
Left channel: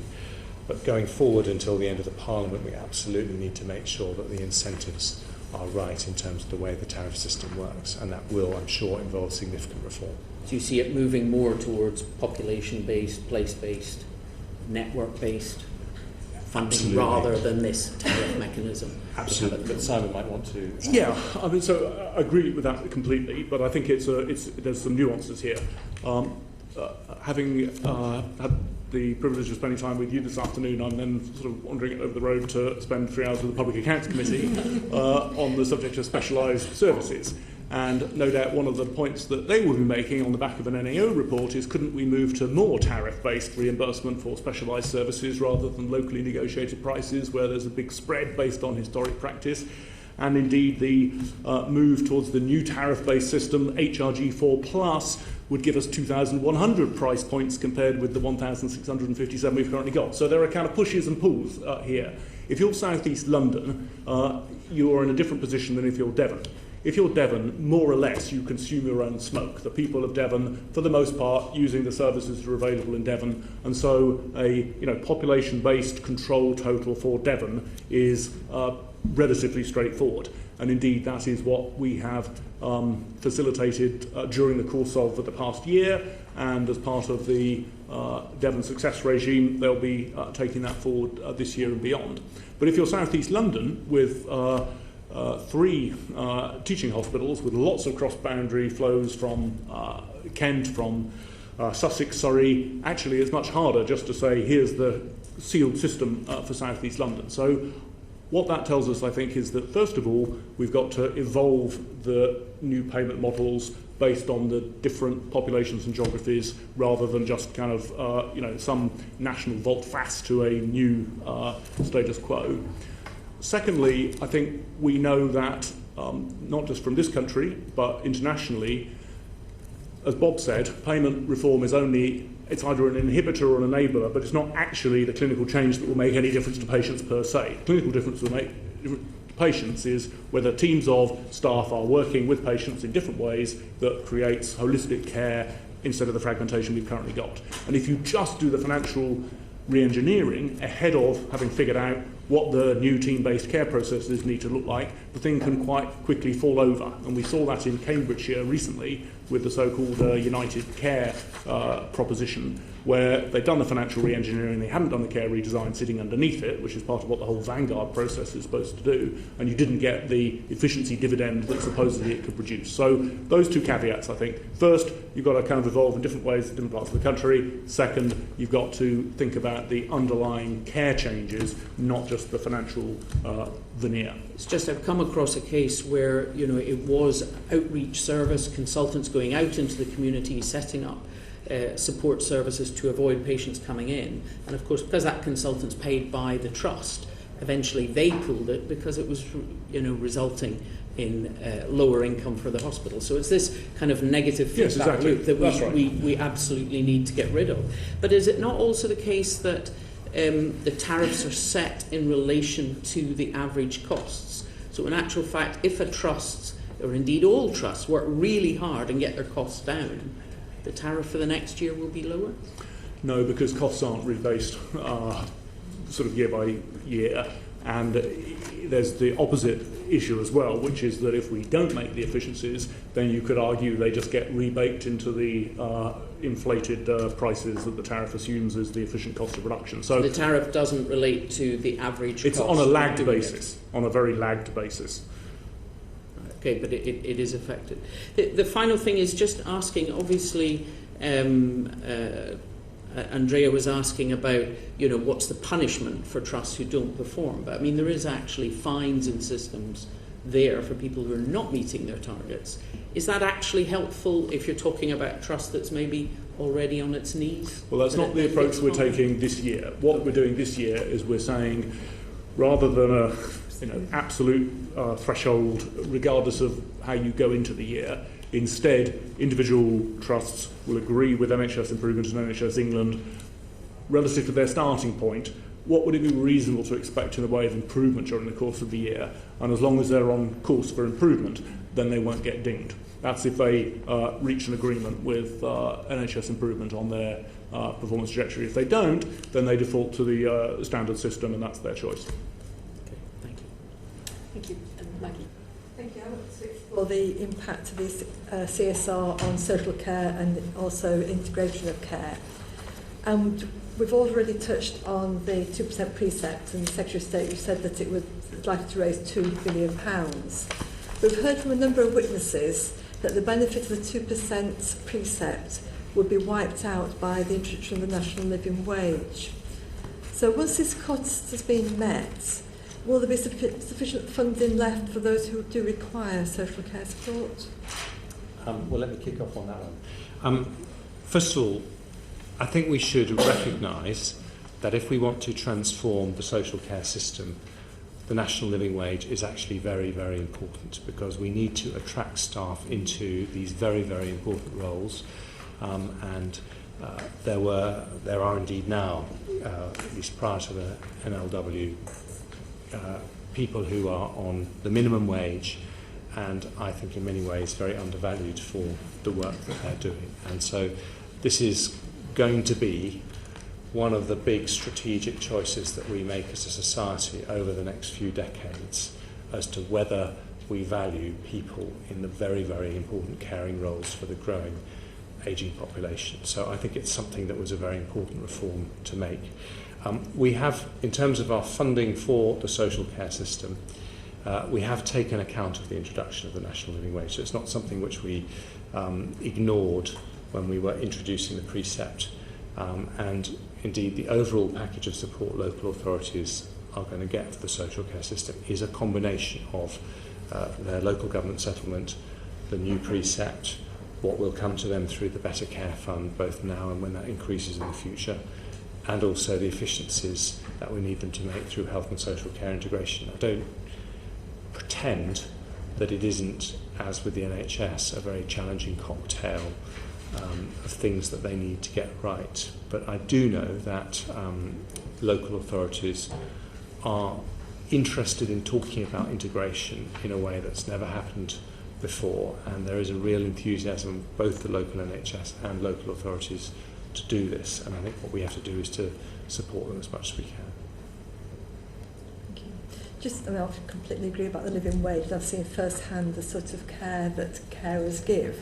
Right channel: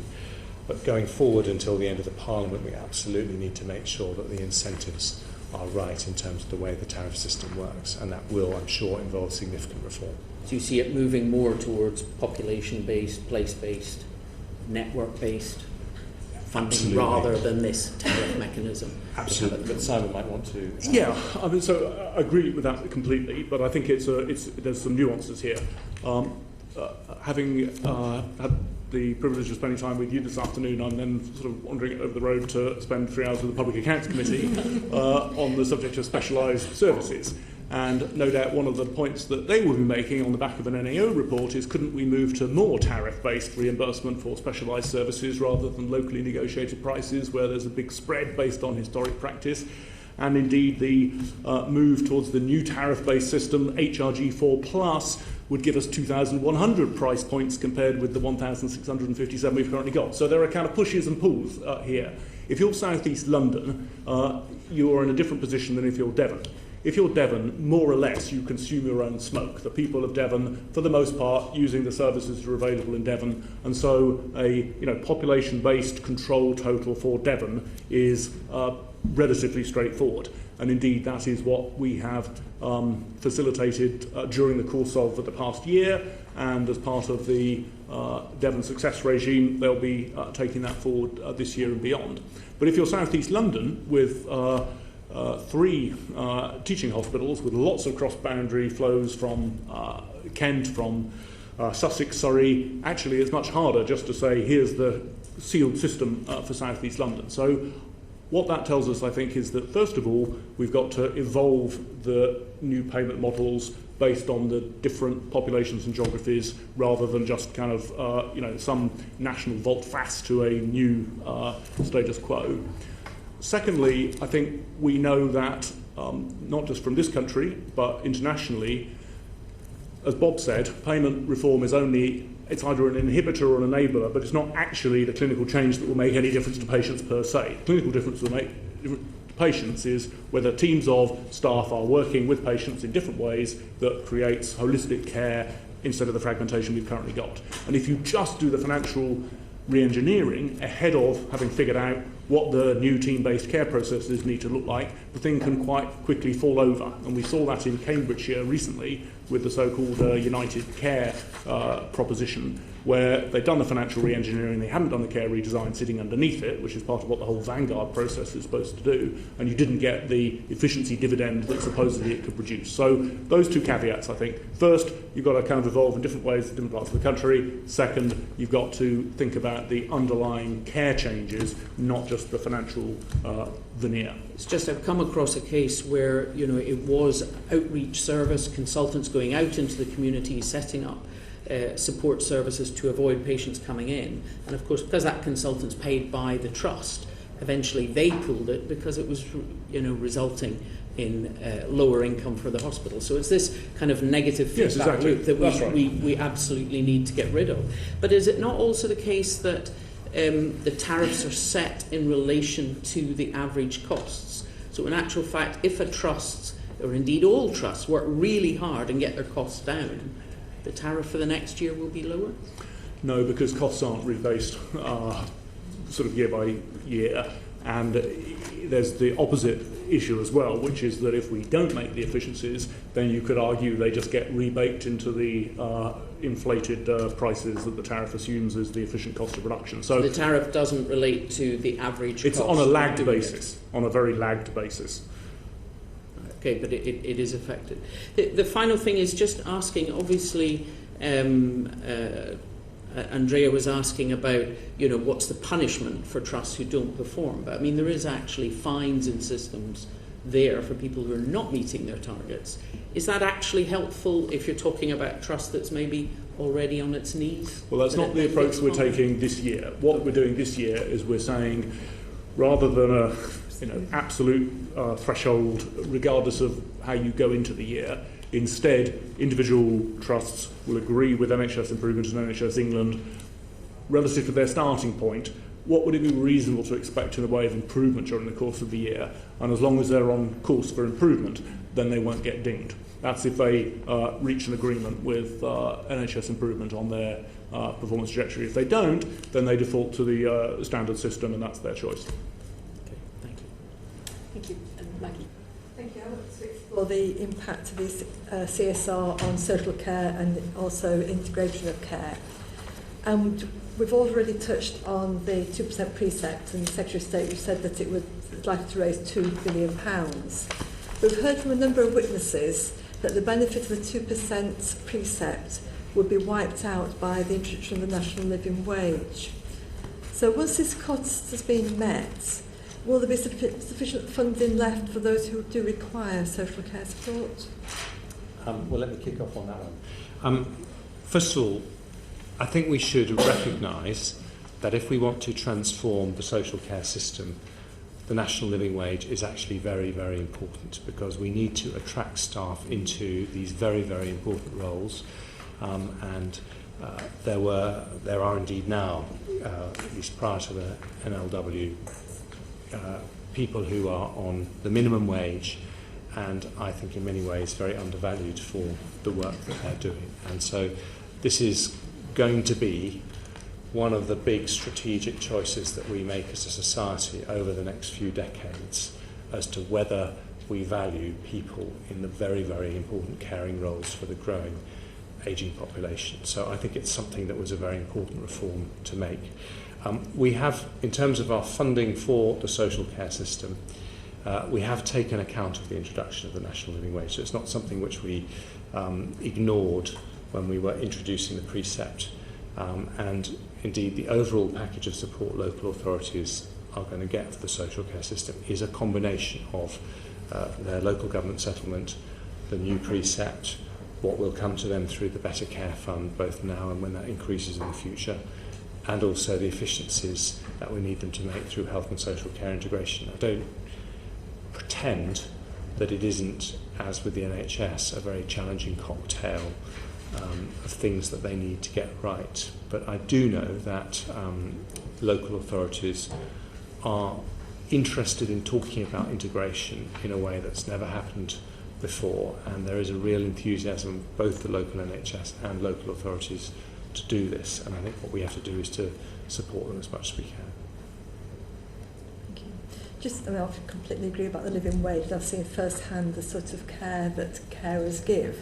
But going forward until the end of the Parliament, we absolutely need to make sure that the incentives are right in terms of the way the tariff system works, and that will, I'm sure, involve significant reform. Do you see it moving more towards population-based, place-based, network-based funding? Absolutely. Rather than this tariff mechanism? Absolutely. But Simon might want to... Yeah, I mean, so I agree with that completely, but I think there's some nuances here. Having had the privilege of spending time with you this afternoon, I'm then sort of wandering over the road to spend 3 hours with the Public Accounts Committee on the subject of specialised services. And no doubt one of the points that they will be making on the back of an NAO report is, couldn't we move to more tariff-based reimbursement for specialised services rather than locally negotiated prices where there's a big spread based on historic practice? And indeed the move towards the new tariff-based system, HRG4+, would give us 2,100 price points compared with the 1,657 we've currently got. So there are kind of pushes and pulls here. If you're South East London, you're in a different position than if you're Devon. If you're Devon, more or less you consume your own smoke. The people of Devon, for the most part, using the services that are available in Devon, and so a population-based control total for Devon is relatively straightforward. And indeed, that is what we have facilitated during the course of the past year, and as part of the Devon Success regime, they'll be taking that forward this year and beyond. But if you're South East London with 3 teaching hospitals with lots of cross-boundary flows from Kent, from Sussex, Surrey, actually it's much harder just to say here's the sealed system for South East London. So what that tells us, I think, is that first of all we've got to evolve the new payment models based on the different populations and geographies, rather than just kind of some national volte-face to a new status quo. Secondly, I think we know that, not just from this country, but internationally, as Bob said, payment reform is it's either an inhibitor or an enabler, but it's not actually the clinical change that will make any difference to patients per se. The clinical difference will make to patients is whether teams of staff are working with patients in different ways that creates holistic care instead of the fragmentation we've currently got. And if you just do the financial re-engineering ahead of having figured out what the new team-based care processes need to look like, the thing can quite quickly fall over. And we saw that in Cambridgeshire recently, with the so-called United Care proposition, where they'd done the financial re-engineering, they hadn't done the care redesign sitting underneath it, which is part of what the whole Vanguard process is supposed to do, and you didn't get the efficiency dividend that supposedly it could produce. So those two caveats, I think. First, you've got to kind of evolve in different ways in different parts of the country. Second, you've got to think about the underlying care changes, not just the financial veneer. It's just I've come across a case where, you know, it was outreach service, consultants going out into the community, setting up support services to avoid patients coming in. And of course, because that consultant's paid by the trust, eventually they pulled it because it was, you know, resulting in lower income for the hospital. So it's this kind of negative feedback loop that we absolutely need to get rid of. But is it not also the case that the tariffs are set in relation to the average costs? So in actual fact, if a trust, or indeed all trusts, work really hard and get their costs down, the tariff for the next year will be lower? No, because costs aren't rebased sort of year by year. And there's the opposite issue as well, which is that if we don't make the efficiencies, then you could argue they just get rebaked into the inflated prices that the tariff assumes as the efficient cost of production. So the tariff doesn't relate to the average cost? It's on a lagged basis, on a very lagged basis. Okay, but it is affected. The final thing is just asking, obviously, Andrea was asking about, you know, what's the punishment for trusts who don't perform. But I mean, there is actually fines and systems there for people who are not meeting their targets. Is that actually helpful if you're talking about a trust that's maybe already on its knees? Well, that's not the approach we're taking this year. What we're doing this year is we're saying, rather than a absolute threshold, regardless of how you go into the year, instead, individual trusts will agree with NHS Improvement and NHS England relative to their starting point. What would it be reasonable to expect in the way of improvement during the course of the year? And as long as they're on course for improvement, then they won't get dinged. That's if they reach an agreement with NHS Improvement on their performance trajectory. If they don't, then they default to the standard system, and that's their choice. Thank you. Maggie. Thank you. I want to explore the impact of this CSR on social care and also integration of care. And we've already touched on the 2% precept, and the Secretary of State said that it would like to raise £2 billion. We've heard from a number of witnesses that the benefit of the 2% precept would be wiped out by the introduction of the national living wage. So once this cost has been met, will there be sufficient funding left for those who do require social care support? Well, let me kick off on that one. First of all, I think we should recognise that if we want to transform the social care system, the national living wage is actually very, very important, because we need to attract staff into these very, very important roles. There are indeed now, at least prior to the NLW, people who are on the minimum wage, and I think in many ways very undervalued for the work that they're doing. And so this is going to be one of the big strategic choices that we make as a society over the next few decades as to whether we value people in the very, very important caring roles for the growing ageing population. So I think it's something that was a very important reform to make. We have, in terms of our funding for the social care system, we have taken account of the introduction of the national living wage. So it's not something which we ignored when we were introducing the precept. And indeed, the overall package of support local authorities are going to get for the social care system is a combination of their local government settlement, the new precept, what will come to them through the Better Care Fund, both now and when that increases in the future, and also the efficiencies that we need them to make through health and social care integration. I don't pretend that it isn't, as with the NHS, a very challenging cocktail of things that they need to get right. But I do know that local authorities are interested in talking about integration in a way that's never happened before, and there is a real enthusiasm, both the local NHS and local authorities, to do this, and I think what we have to do is to support them as much as we can. Thank you. I completely agree about the living wage. I've seen firsthand the sort of care that carers give,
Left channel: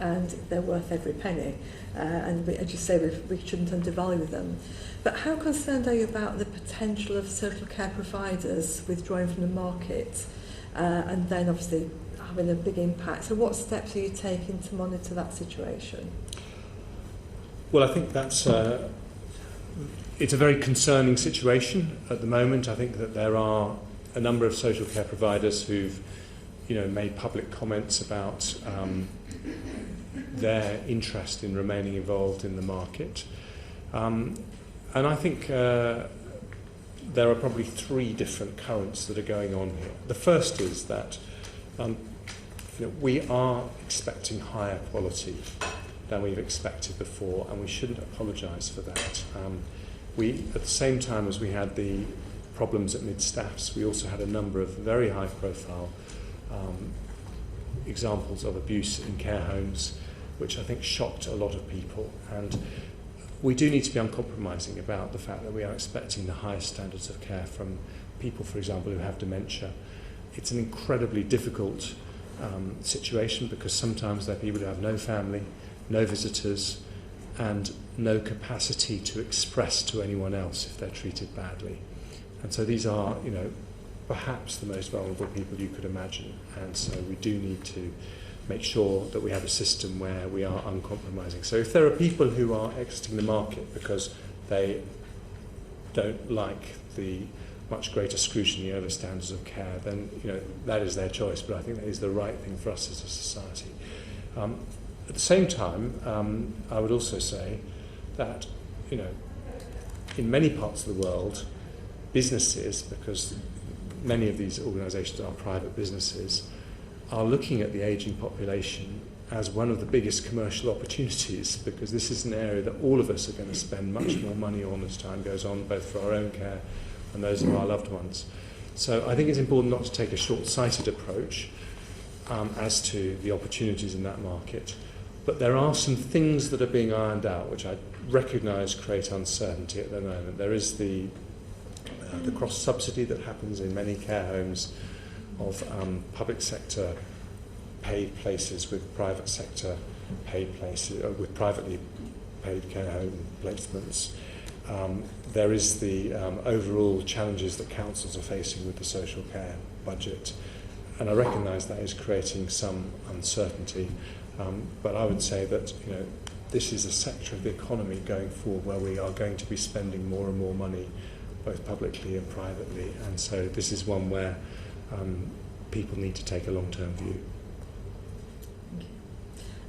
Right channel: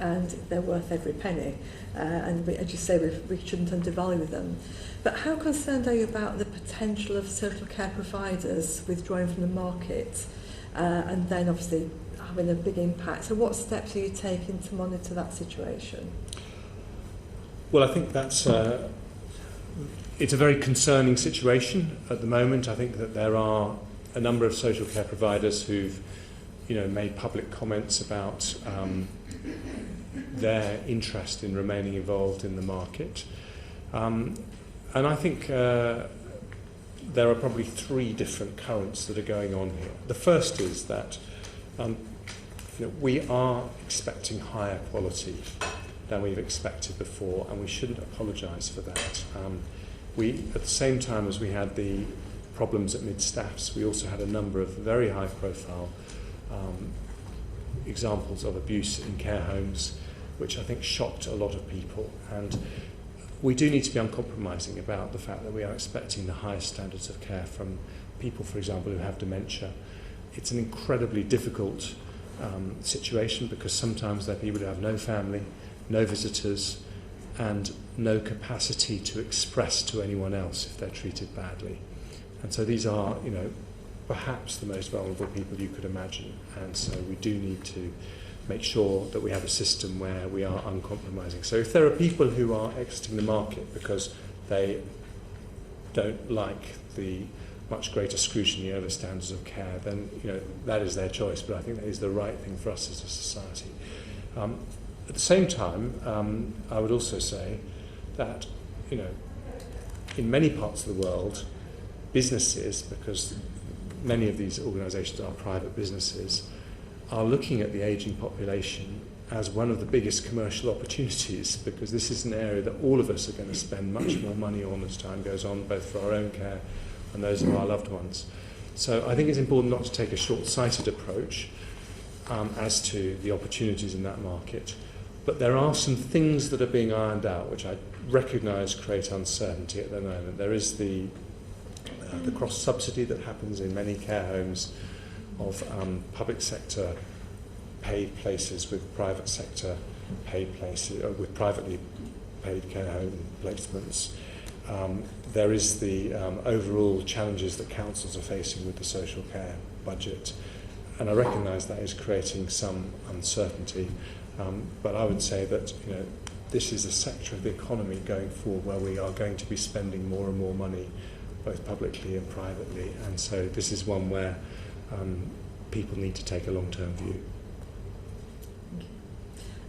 and they're worth every penny. And as you say, we shouldn't undervalue them. But how concerned are you about the potential of social care providers withdrawing from the market and then obviously having a big impact? So what steps are you taking to monitor that situation? Well, I think that's it's a very concerning situation at the moment. I think that there are a number of social care providers who've made public comments about their interest in remaining involved in the market. And I think there are probably three different currents that are going on here. The first is that we are expecting higher quality than we've expected before, and we shouldn't apologise for that. At the same time as we had the problems at mid-staffs, we also had a number of very high-profile examples of abuse in care homes, which I think shocked a lot of people. And we do need to be uncompromising about the fact that we are expecting the highest standards of care from people, for example, who have dementia. It's an incredibly difficult situation because sometimes they're people who have no family, no visitors, and no capacity to express to anyone else if they're treated badly. And so these are, perhaps the most vulnerable people you could imagine. And so we do need to make sure that we have a system where we are uncompromising. So if there are people who are exiting the market because they don't like the much greater scrutiny over standards of care, then that is their choice. But I think that is the right thing for us as a society. At the same time, I would also say that in many parts of the world, businesses, because many of these organisations are private businesses, are looking at the ageing population as one of the biggest commercial opportunities, because this is an area that all of us are going to spend much more money on as time goes on, both for our own care and those of our loved ones. So I think it's important not to take a short-sighted approach as to the opportunities in that market. But there are some things that are being ironed out, which I recognise create uncertainty at the moment. There is the cross-subsidy that happens in many care homes of public sector paid places with private sector paid places, with privately paid care home placements. There is the overall challenges that councils are facing with the social care budget, and I recognise that is creating some uncertainty. But I would say that this is a sector of the economy going forward where we are going to be spending more and more money, both publicly and privately, and so this is one where people need to take a long-term view.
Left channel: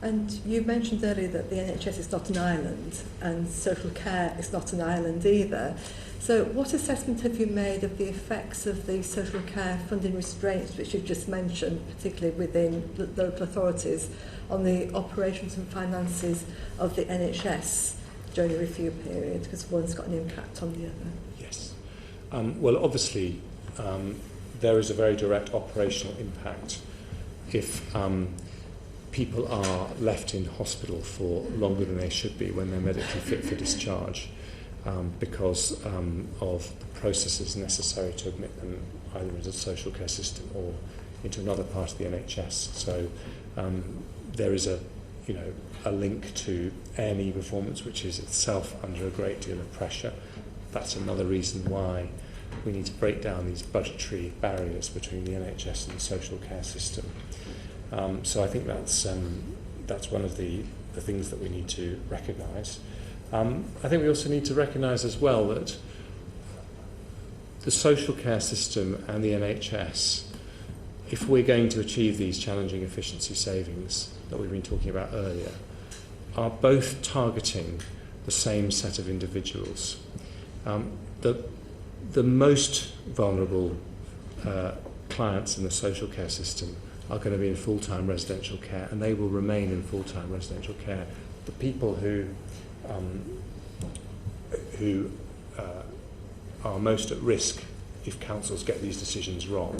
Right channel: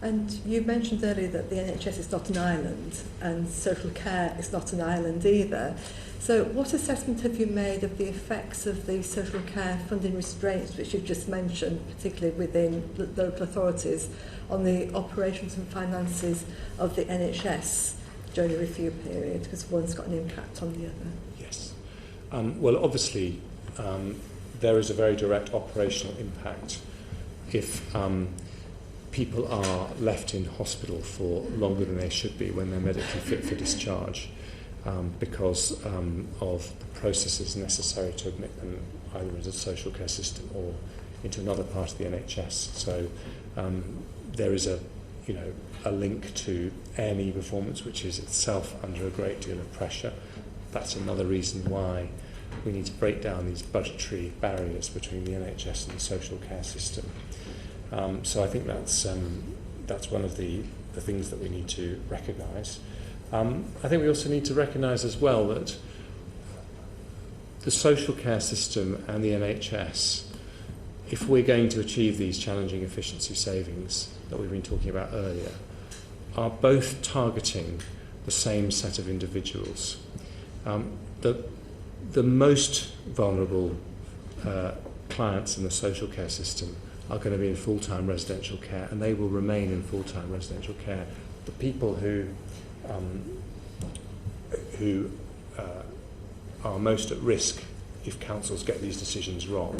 And you mentioned earlier that the NHS is not an island, and social care is not an island either. So what assessment have you made of the effects of the social care funding restraints, which you've just mentioned, particularly within local authorities, on the operations and finances of the NHS during the review period, because one's got an impact on the other? Yes. Well, obviously, there is a very direct operational impact if people are left in hospital for longer than they should be when they're medically fit for discharge, because of the processes necessary to admit them either into the social care system or into another part of the NHS. So there is a link to A&E performance, which is itself under a great deal of pressure. That's another reason why we need to break down these budgetary barriers between the NHS and the social care system. So I think that's one of the things that we need to recognise. I think we also need to recognise as well that the social care system and the NHS, if we're going to achieve these challenging efficiency savings that we've been talking about earlier, are both targeting the same set of individuals. The most vulnerable clients in the social care system are going to be in full-time residential care, and they will remain in full-time residential care. The people who are most at risk if councils get these decisions wrong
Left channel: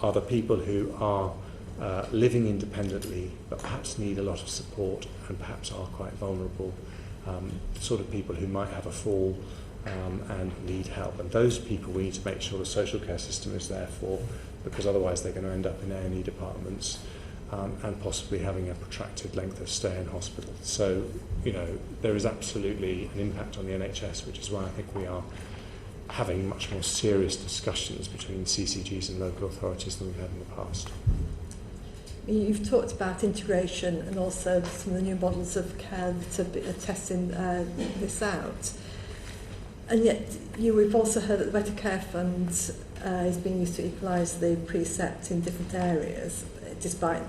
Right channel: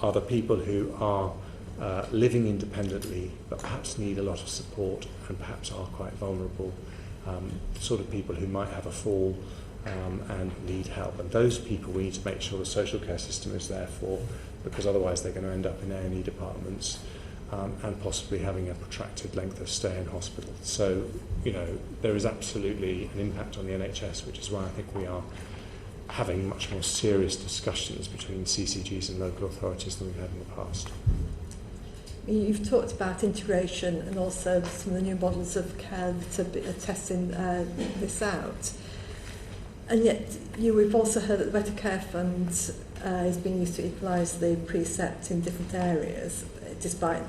are the people who are living independently but perhaps need a lot of support and perhaps are quite vulnerable, sort of people who might have a fall and need help. And those people we need to make sure the social care system is there for, because otherwise they're going to end up in A&E departments and possibly having a protracted length of stay in hospital. So, you know, there is absolutely an impact on the NHS, which is why I think we are having much more serious discussions between CCGs and local authorities than we've had in the past. You've talked about integration and also some of the new models of care that are testing this out. And yet we've also heard that the Better Care Fund is being used to equalise the precept in different areas, despite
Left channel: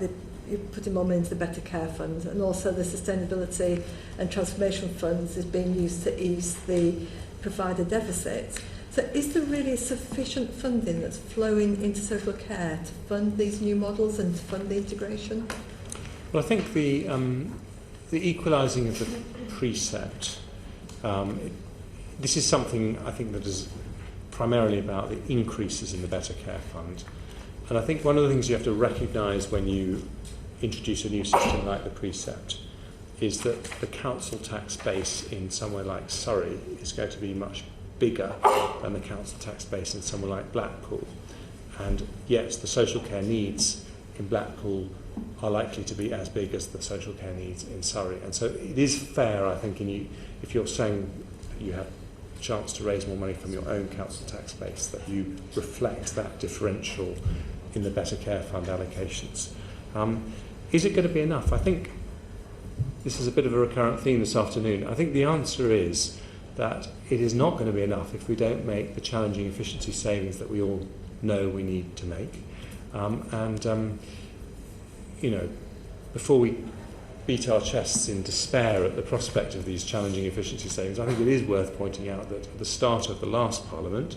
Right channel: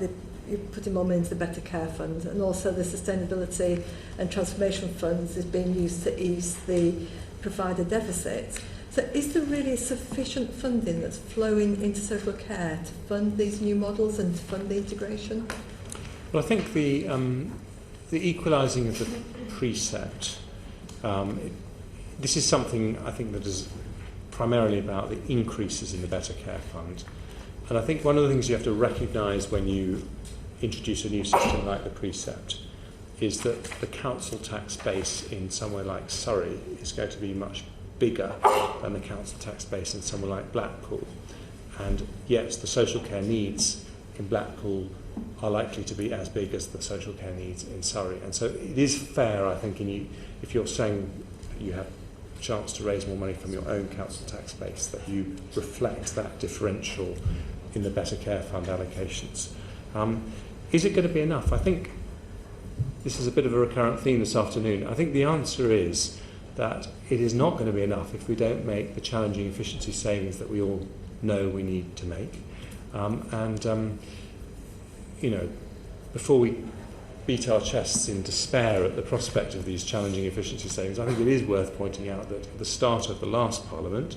you're putting more money into the Better Care Fund, and also the Sustainability and Transformation Funds is being used to ease the provider deficit. So is there really sufficient funding that's flowing into social care to fund these new models and to fund the integration? Well, I think the equalising of the precept, this is something I think that is primarily about the increases in the Better Care Fund. And I think one of the things you have to recognise when you introduce a new system like the precept is that the council tax base in somewhere like Surrey is going to be much bigger than the council tax base in somewhere like Blackpool. And yet the social care needs in Blackpool are likely to be as big as the social care needs in Surrey. And so it is fair, I think, if you're saying you have a chance to raise more money from your own council tax base, that you reflect that differential in the Better Care Fund allocations. Is it going to be enough? I think this is a bit of a recurrent theme this afternoon. I think the answer is that it is not going to be enough if we don't make the challenging efficiency savings that we all know we need to make. You know, before we beat our chests in despair at the prospect of these challenging efficiency savings, I think it is worth pointing out that at the start of the last Parliament,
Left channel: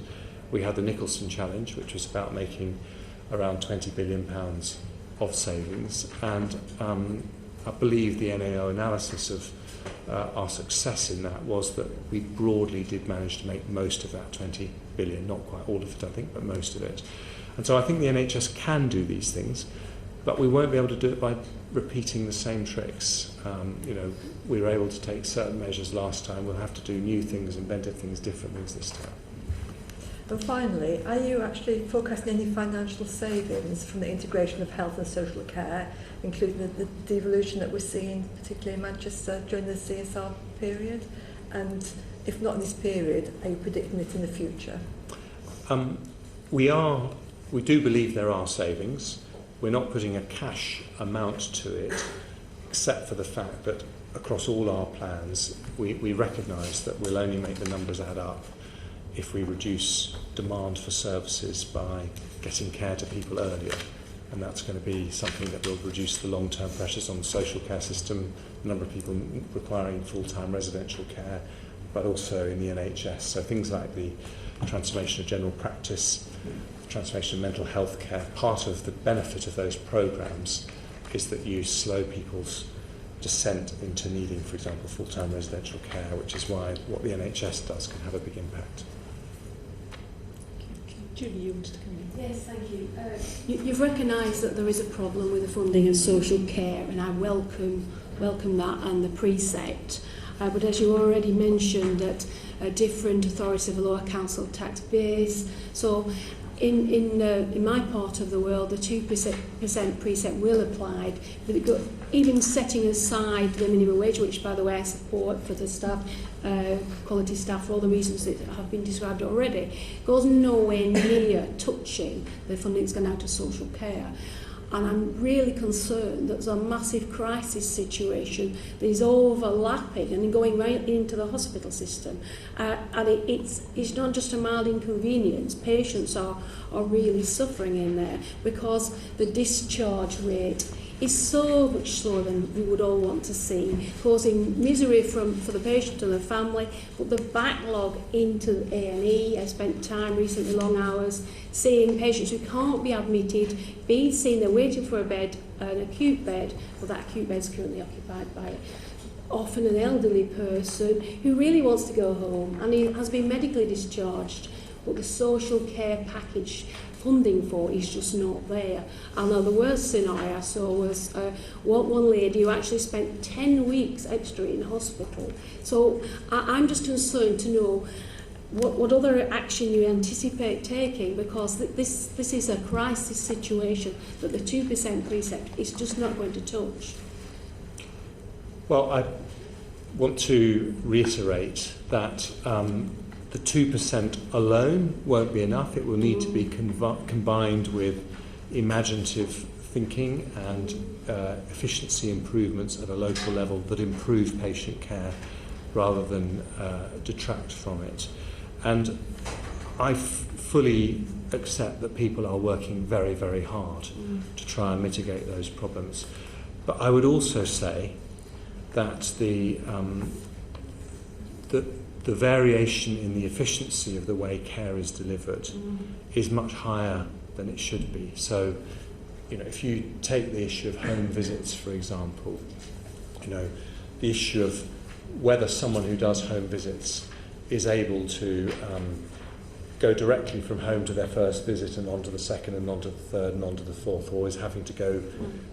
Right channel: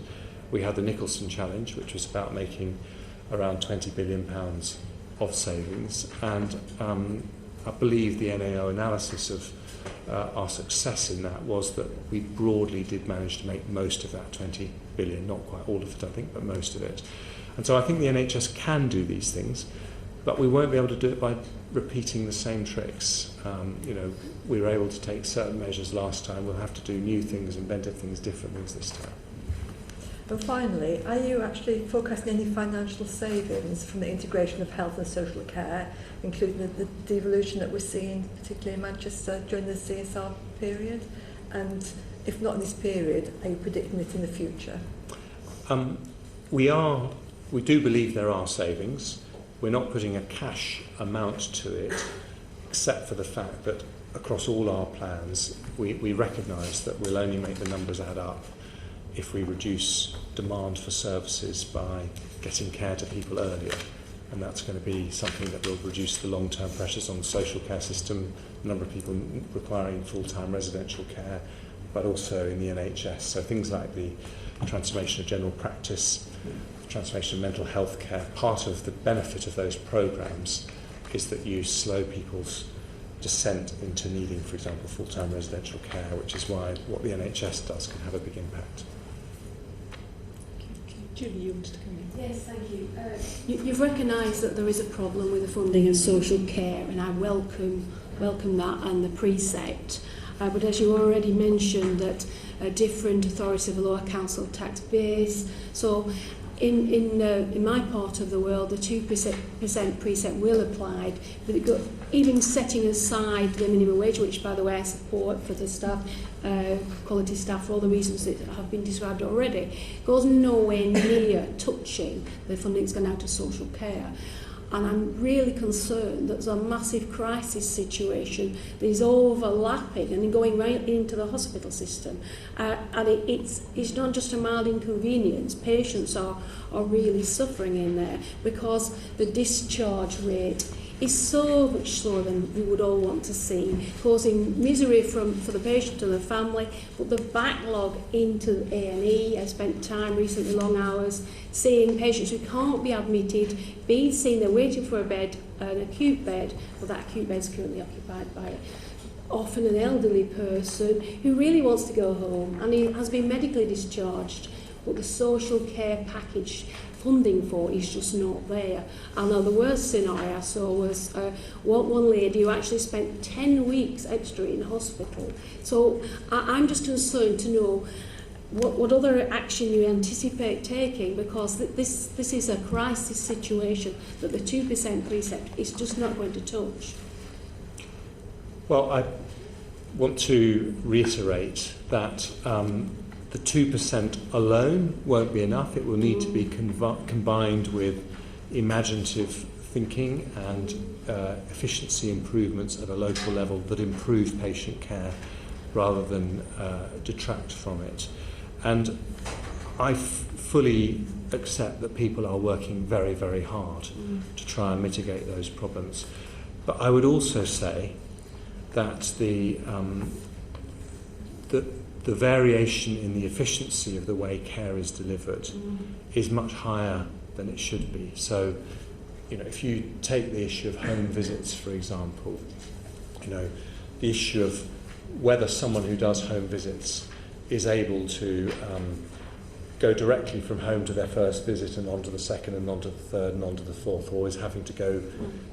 we had the Nicholson Challenge, which was about making around £20 billion of savings, and I believe the NAO analysis of our success in that was that we broadly did manage to make most of that 20 billion, not quite all of it I think, but most of it. And so I think the NHS can do these things, but we won't be able to do it by repeating the same tricks. You know, we were able to take certain measures last time, we'll have to do new things, inventive things, different things this time. And finally, are you actually forecasting any financial savings from the integration of health and social care, including the devolution that we're seeing, particularly in Manchester, during the CSR period? And if not in this period, are you predicting it in the future? We do believe there are savings. We're not putting a cash amount to it, except for the fact that across all our plans, we recognise that we'll only make the numbers add up if we reduce demand for services by getting care to people earlier. And that's going to be something that will reduce the long-term pressures on the social care system, the number of people requiring full-time residential care, but also in the NHS. So things like the transformation of general practice, the transformation of mental health care. Part of the benefit of those programmes is that you slow people's descent into needing, for example, full-time residential care, which is why what the NHS does can have a big impact. Julie, you wanted to come in? Yes, thank you. You've recognised that there is a problem with the funding of social care, and I welcome that and the precept. But as you already mentioned, that different authorities have a lower council tax base. So in my part of the world, the 2% precept will apply. But even setting aside the minimum wage, which, by the way, I support for the staff, quality staff, for all the reasons that have been described already, goes nowhere near touching the funding that's going out to social care. And I'm really concerned that there's a massive crisis situation that is overlapping and going right into the hospital system. And it's not just a mild inconvenience. Patients are really suffering in there because the discharge rate is so much slower than we would all want to see, causing misery for the patient and the family, but the backlog into A&E. I spent time recently, long hours, seeing patients who can't be admitted, being seen, they're waiting for a bed, an acute bed, well, that acute bed is currently occupied by often an elderly person who really wants to go home, and he has been medically discharged, but the social care package funding for is just not there. And now the worst scenario I saw was one lady who actually spent 10 weeks extra in hospital. So I'm just concerned to know what other action you anticipate taking, because this is a crisis situation that the 2% precept is just not going to touch. Well, I want to reiterate that the 2% alone won't be enough. It will need to be combined with imaginative thinking and efficiency improvements at a local level that improve patient care rather than detract from it. And I fully accept that people are working very, very hard to try and mitigate those problems. But I would also say that the variation in the efficiency of the way care is delivered is much higher than it should be. So, if you take the issue of home visits, for example, the issue of whether someone who does home visits is able to go directly from home to their first visit and on to the second and on to the third and on to the fourth, or is having to go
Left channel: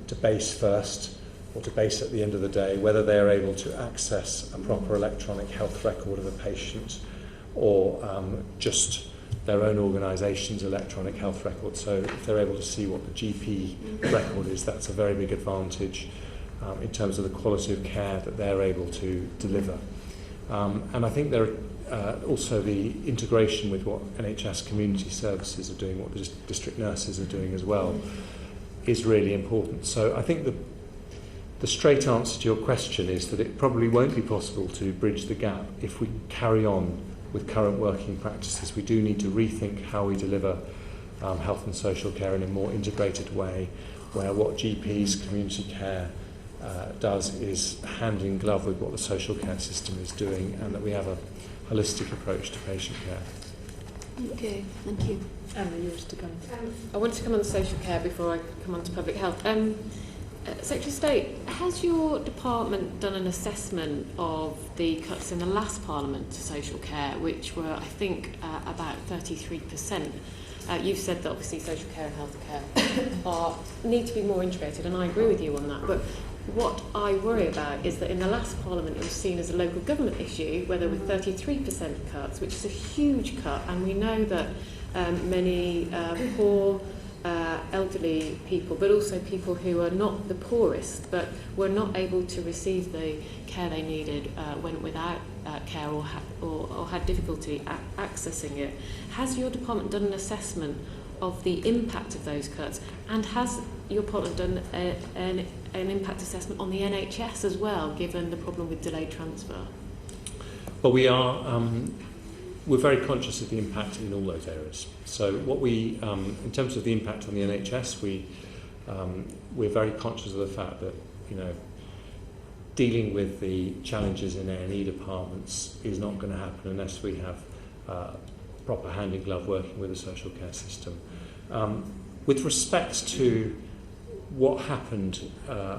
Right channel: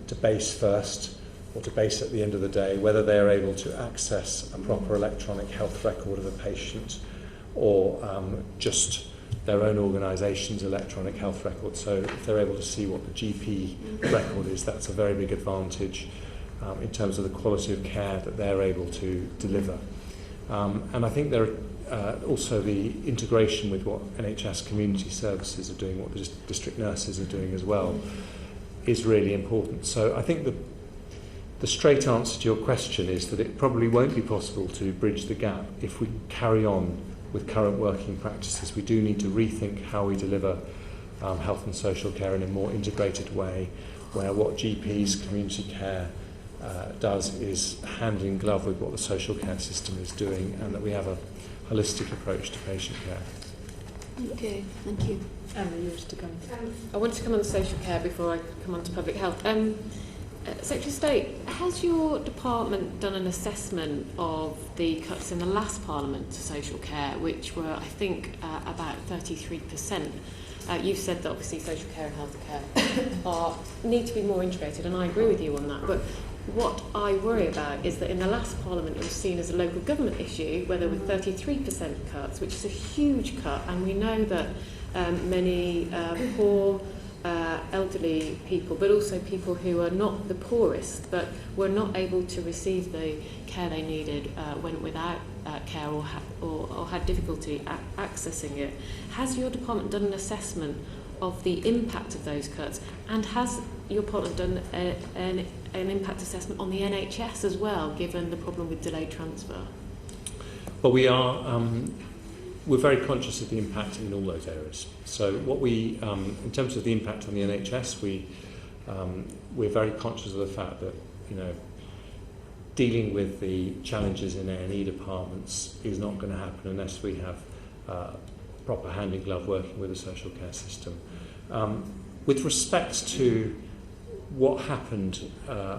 to base first or to base at the end of the day, whether they're able to access a proper electronic health record of a patient or just their own organisation's electronic health record. So if they're able to see what the GP record is, that's a very big advantage in terms of the quality of care that they're able to deliver. And I think there are also the integration with what NHS community services are doing, what the district nurses are doing as well, is really important. So I think the straight answer to your question is that it probably won't be possible to bridge the gap if we carry on with current working practices. We do need to rethink how we deliver health and social care in a more integrated way, where what GPs, community care does is hand in glove with what the social care system is doing, and that we have a holistic approach to patient care. Okay, thank you. I want to come on to social care before I come on to public health. Secretary of State, has your department done an assessment of the cuts in the last Parliament to social care, which were, I think, about 33%? You've said that obviously social care and health care need to be more integrated, and I agree with you on that. But what I worry about is that in the last Parliament it was seen as a local government issue, where there were 33% cuts, which is a huge cut, and we know that many poor, elderly people, but also people who are not the poorest, but were not able to receive the care they needed, went without care or had difficulty accessing it. Has your department done an assessment of the impact of those cuts, and has your department done an impact assessment on the NHS as well, given the problem with delayed transfer? Well, we're very conscious of the impact in all those areas. So what we, in terms of the impact on the NHS, we're very conscious of the fact that, dealing with the challenges in A&E departments is not going to happen unless we have proper hand in glove working with the social care system. With respect to what happened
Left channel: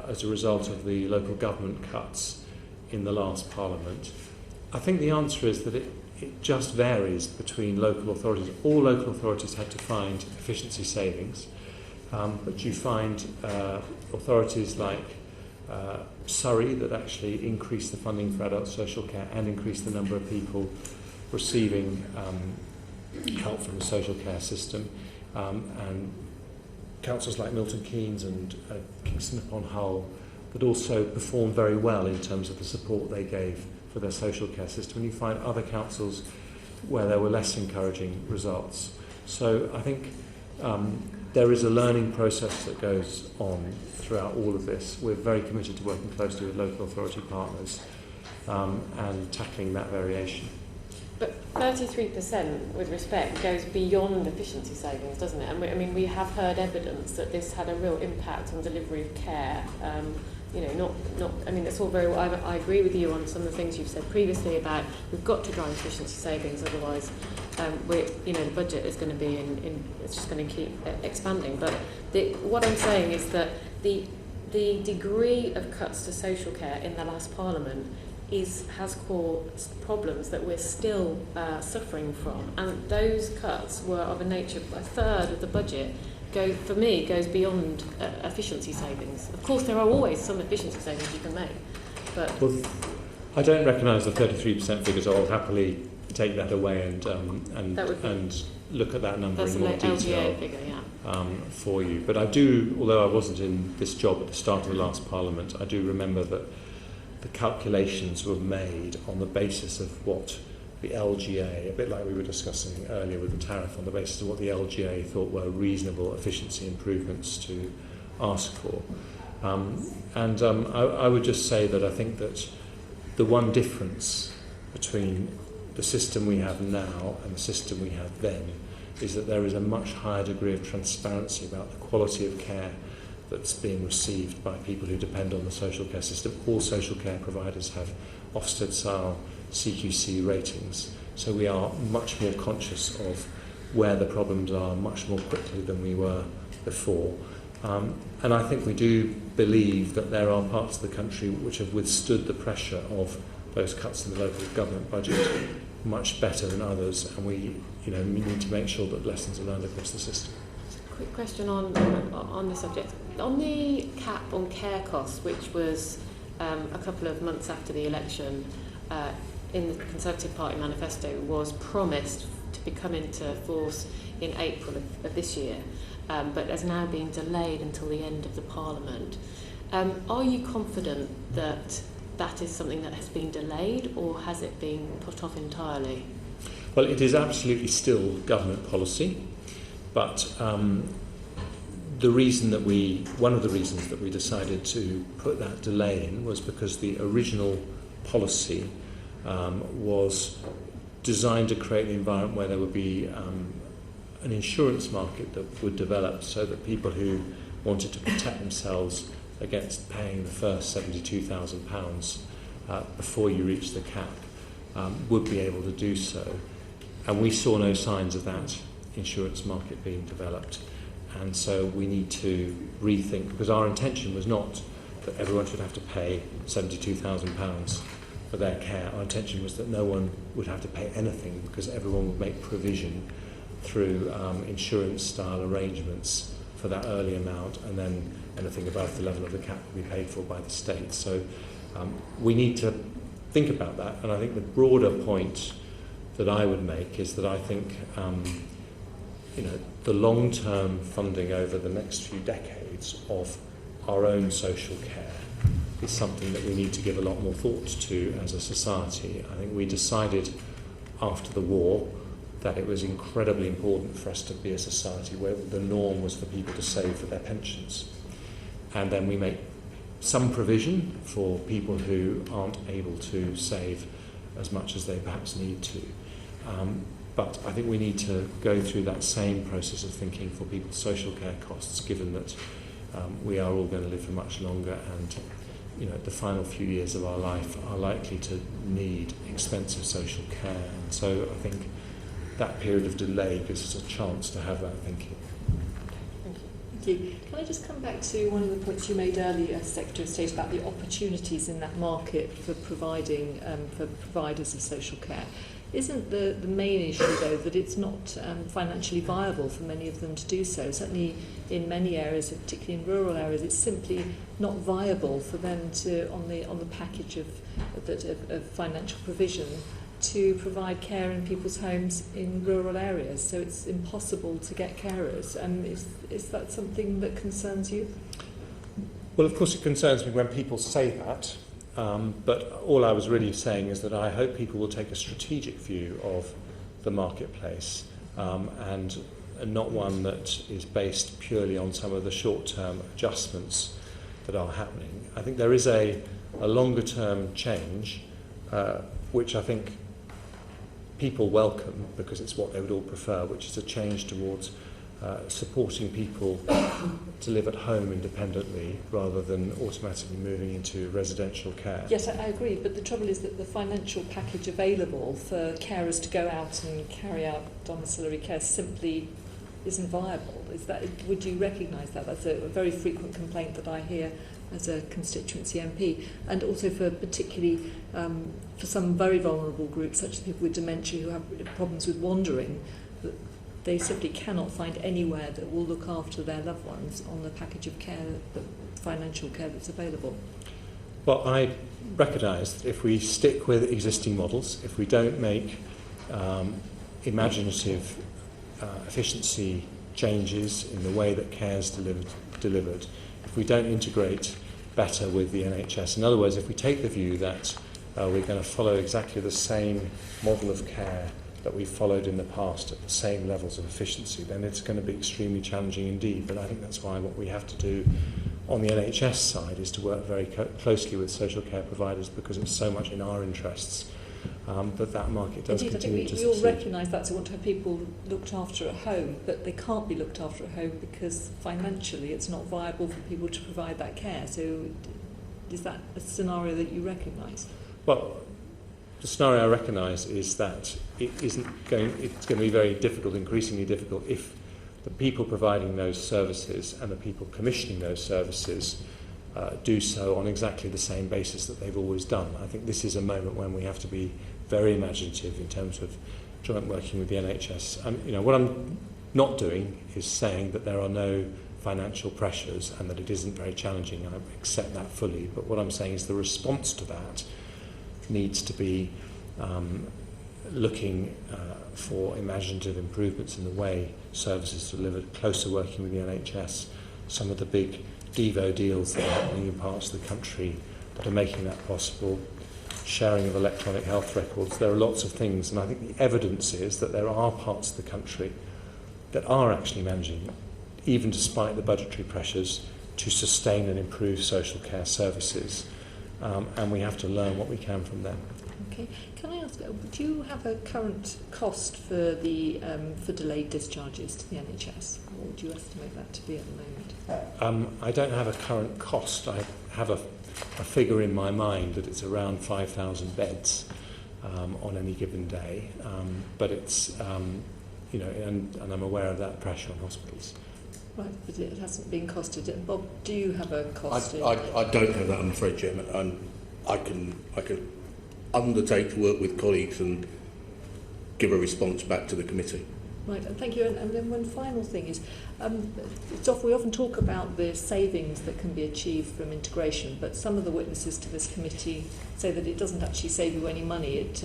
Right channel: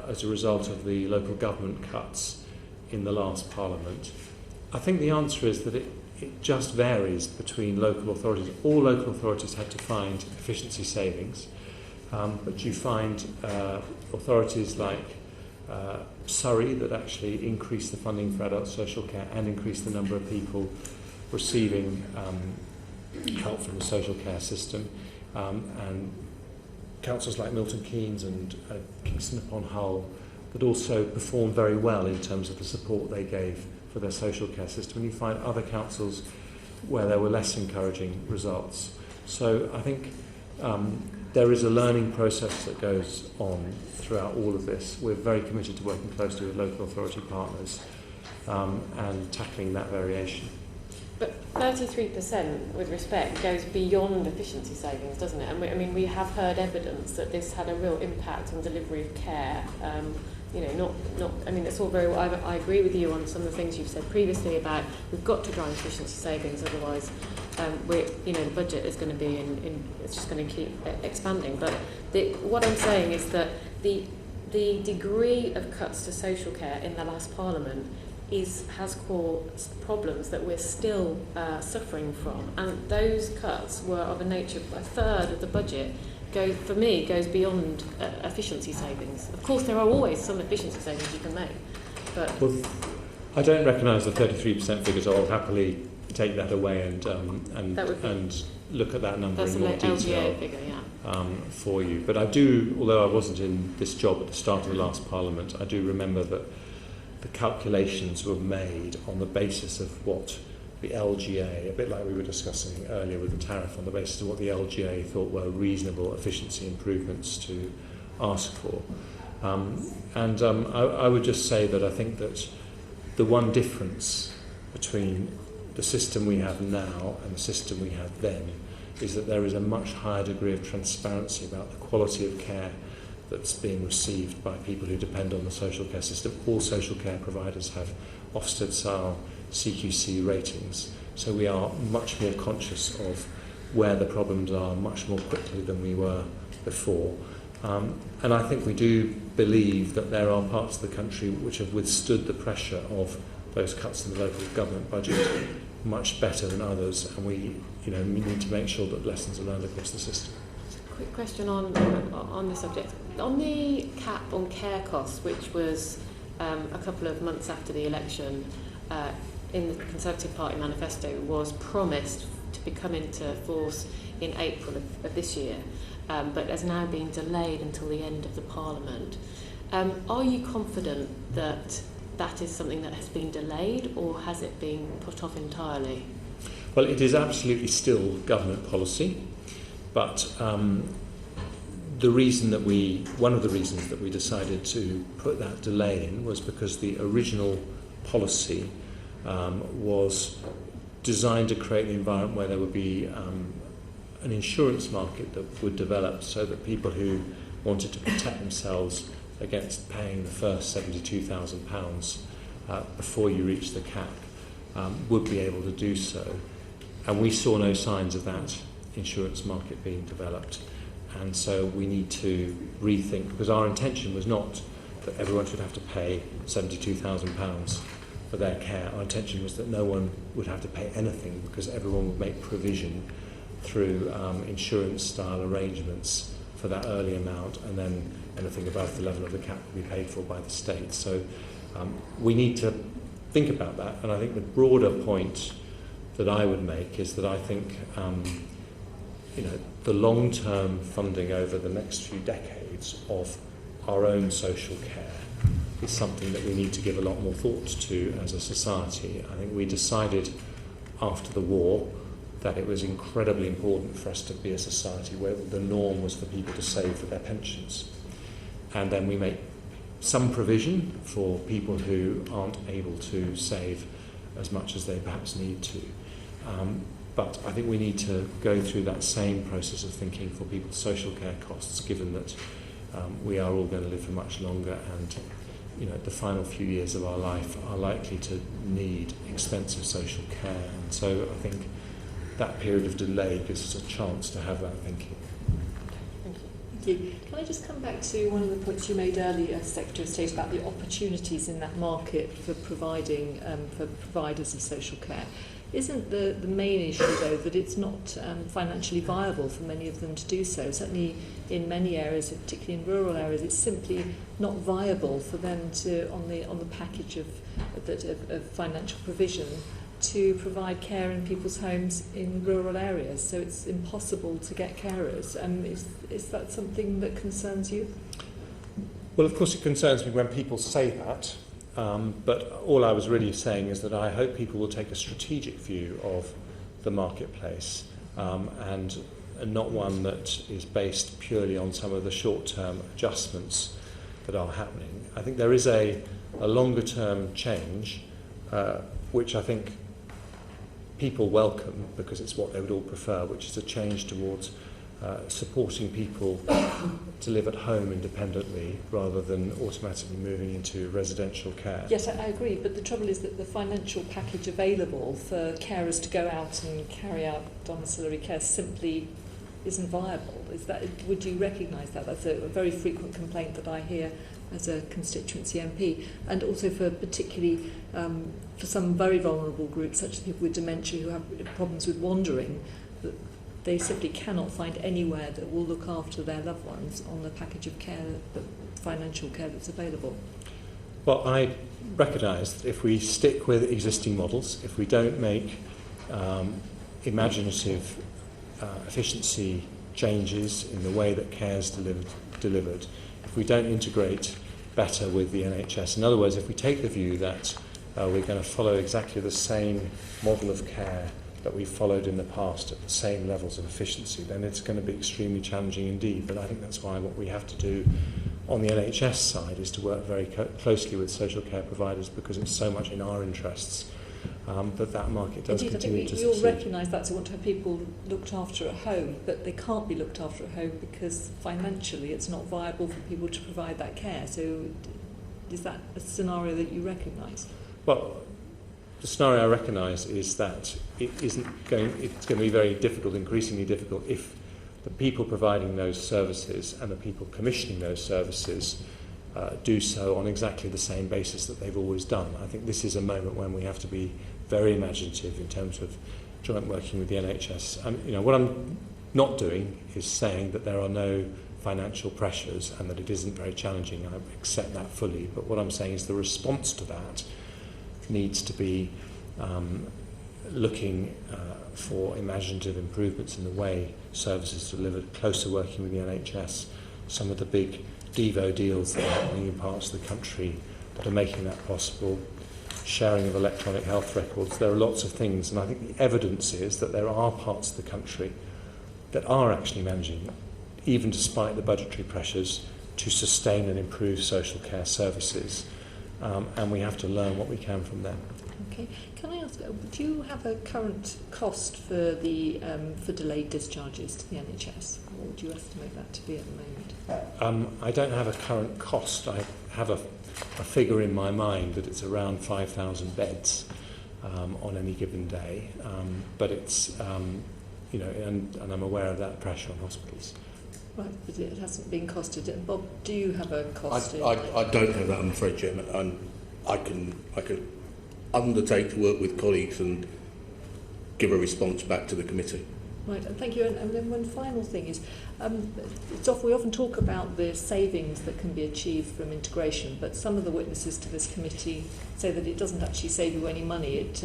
as a result of the local government cuts in the last Parliament, I think the answer is that it just varies between local authorities. All local authorities had to find efficiency savings, but you find authorities like Surrey that actually increased the funding for adult social care and increased the number of people receiving help from the social care system, and councils like Milton Keynes and Kingston upon Hull that also performed very well in terms of the support they gave for their social care system. And you find other councils where there were less encouraging results. So I think there is a learning process that goes on throughout all of this. We're very committed to working closely with local authority partners and tackling that variation. But 33%, with respect, goes beyond efficiency savings, doesn't it? And we have heard evidence that this had a real impact on delivery of care. It's all very well. I agree with you on some of the things you've said previously about we've got to drive efficiency savings, otherwise the budget is going to be it's just going to keep expanding. But what I'm saying is that the degree of cuts to social care in the last Parliament has caused problems that we're still suffering from, and those cuts were of a nature, a third of the budget goes beyond efficiency savings. Of course, there are always some efficiency savings you can make, but... Well, I don't recognise the 33% figures. I'll happily take that away and look at that number in more detail figure, yeah. For you. But I do, although I wasn't in this job at the start of the last Parliament, I do remember that the calculations were made on the basis of what the LGA, a bit like we were discussing earlier with the tariff, on the basis of what the LGA thought were reasonable efficiency improvements to ask for. I would just say that I think that the one difference between the system we have now and the system we had then is that there is a much higher degree of transparency about the quality of care that's being received by people who depend on the social care system. All social care providers have Ofsted-style CQC ratings, so we are much more conscious of where the problems are much more quickly than we were before. And I think we do believe that there are parts of the country which have withstood the pressure of those cuts in the local government budget much better than others, and we need to make sure that lessons are learned across the system. Quick question on the subject. On the cap on care costs, which was a couple of months after the election, in the Conservative Party manifesto, was promised to be come into force in April of this year, but has now been delayed until the end of the Parliament. Are you confident that that is something that has been delayed, or has it been put off entirely? Well, it is absolutely still government policy, but one of the reasons that we decided to put that delay in was because the original policy was designed to create an environment where there would be an insurance market that would develop so that people who wanted to protect themselves against paying the first £72,000 before you reach the cap would be able to do so. And we saw no signs of that insurance market being developed. And so we need to rethink, because our intention was not that everyone should have to pay £72,000 for their care. Our intention was that no one would have to pay anything, because everyone would make provision through insurance-style arrangements for that early amount, and then anything above the level of the cap will be paid for by the state. So we need to think about that, and I think the broader point that I would make is that I think the long-term funding over the next few decades of our own social care is something that we need to give a lot more thought to as a society. I think we decided after the war that it was incredibly important for us to be a society where the norm was for people to save for their pensions. And then we make some provision for people who aren't able to save as much as they perhaps need to. But I think we need to go through that same process of thinking for people's social care costs, given that we are all going to live for much longer, and the final few years of our life are likely to need extensive social care. And so I think that period of delay gives us a chance to have that thinking. Thank you. Can I just come back to one of the points you made earlier, Secretary of State, about the opportunities in that market for providing for providers of social care? Isn't the main issue, though, that it's not financially viable for many of them to do so? Certainly in many areas, particularly in rural areas, it's simply not viable for them to, on the package of financial provision, to provide care in people's homes in rural areas. So it's impossible to get carers. Is that something that concerns you? Well, of course it concerns me when people say that. But all I was really saying is that I hope people will take a strategic view of the marketplace and not one that is based purely on some of the short-term adjustments that are happening. I think there is a longer-term change which I think people welcome, because it's what they would all prefer, which is a change towards supporting people to live at home independently rather than automatically moving into residential care. Yes, I agree, but the trouble is that the financial package available for carers to go out and carry out domiciliary care simply isn't viable. Would you recognise that? That's a very frequent complaint that I hear as a constituency MP, and also for particularly for some very vulnerable groups, such as people with dementia who have problems with wandering. They simply cannot find anywhere that will look after their loved ones on the package of care, financial care that's available. Well, I recognise that if we stick with existing models, if we don't make imaginative efficiency changes in the way that care is delivered, if we don't integrate better with the NHS, in other words, if we take the view that we're going to follow exactly the same model of care that we've followed in the past at the same levels of efficiency, then it's going to be extremely challenging indeed. But I think that's why what we have to do on the NHS side is to work very closely with social care providers, because it's so much in our interests that market does continue to succeed. You'll recognise that to want to have people looked after at home, but they can't be looked after at home because financially it's not viable for people to provide that care. So is that a scenario that you recognise? Well, the scenario I recognise is that it's going to be very difficult, increasingly difficult, if the people providing those services and the people commissioning those services do so on exactly the same basis that they've always done. I think this is a moment when we have to be very imaginative in terms of joint working with the NHS. What I'm not doing is saying that there are no financial pressures and that it isn't very challenging. I accept that fully. But what I'm saying is the response to that needs to be looking for imaginative improvements in the way services are delivered, closer working with the NHS, some of the big Devo deals that are happening in parts of the country that are making that possible, sharing of electronic health records. There are lots of things, and I think the evidence is that there are parts of the country that are actually managing, even despite the budgetary pressures, to sustain and improve social care services, and we have to learn what we can from them. Okay. Can I ask, do you have a current cost for the for delayed discharges to the NHS? What would you estimate that to be at the moment? I don't have a current cost. I have a figure in my mind that it's around 5,000 beds on any given day, but it's and I'm aware of that pressure on hospitals. Right, but it hasn't been costed. Bob, do you have a cost? I don't have that, I'm afraid, Chairman. I can undertake to work with colleagues and give a response back to the committee. Right, and thank you. And then one final thing is, we often talk about the savings that can be achieved from integration, but some of the witnesses to this committee say that it doesn't actually save you any money. It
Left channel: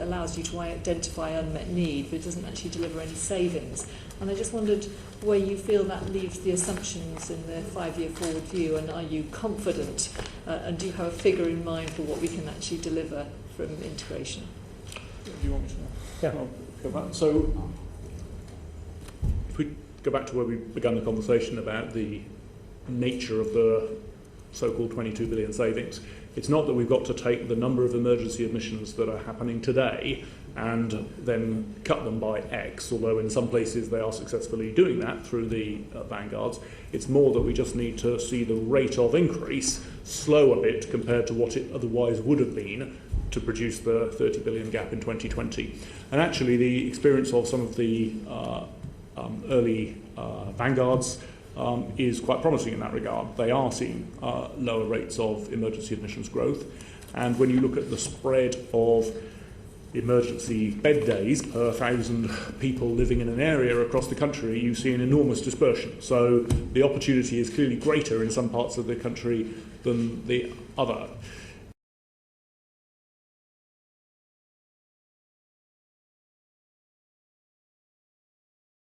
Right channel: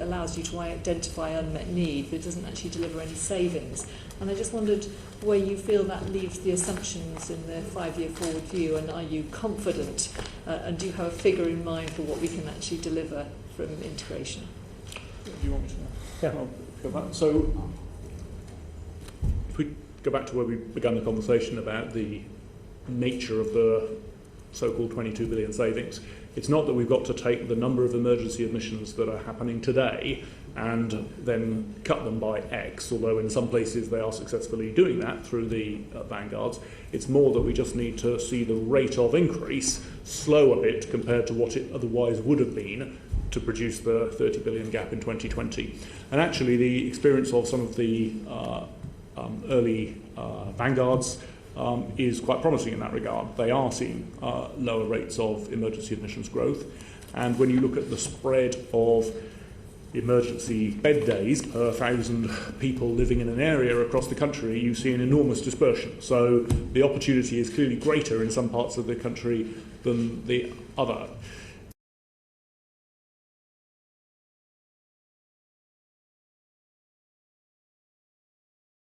allows you to identify unmet need, but it doesn't actually deliver any savings. And I just wondered where you feel that leaves the assumptions in the 5-year forward view, and are you confident, and do you have a figure in mind for what we can actually deliver from integration? Do you want me to? Yeah. Go back. So, if we go back to where we began the conversation about the nature of the so-called 22 billion savings, it's not that we've got to take the number of emergency admissions that are happening today and then cut them by X, although in some places they are successfully doing that through the vanguards. It's more that we just need to see the rate of increase slow a bit compared to what it otherwise would have been to produce the 30 billion gap in 2020. And actually the experience of some of the early vanguards is quite promising in that regard. They are seeing lower rates of emergency admissions growth, and when you look at the spread of emergency bed days per 1,000 people living in an area across the country, you see an enormous dispersion. So the opportunity is clearly greater in some parts of the country than the other.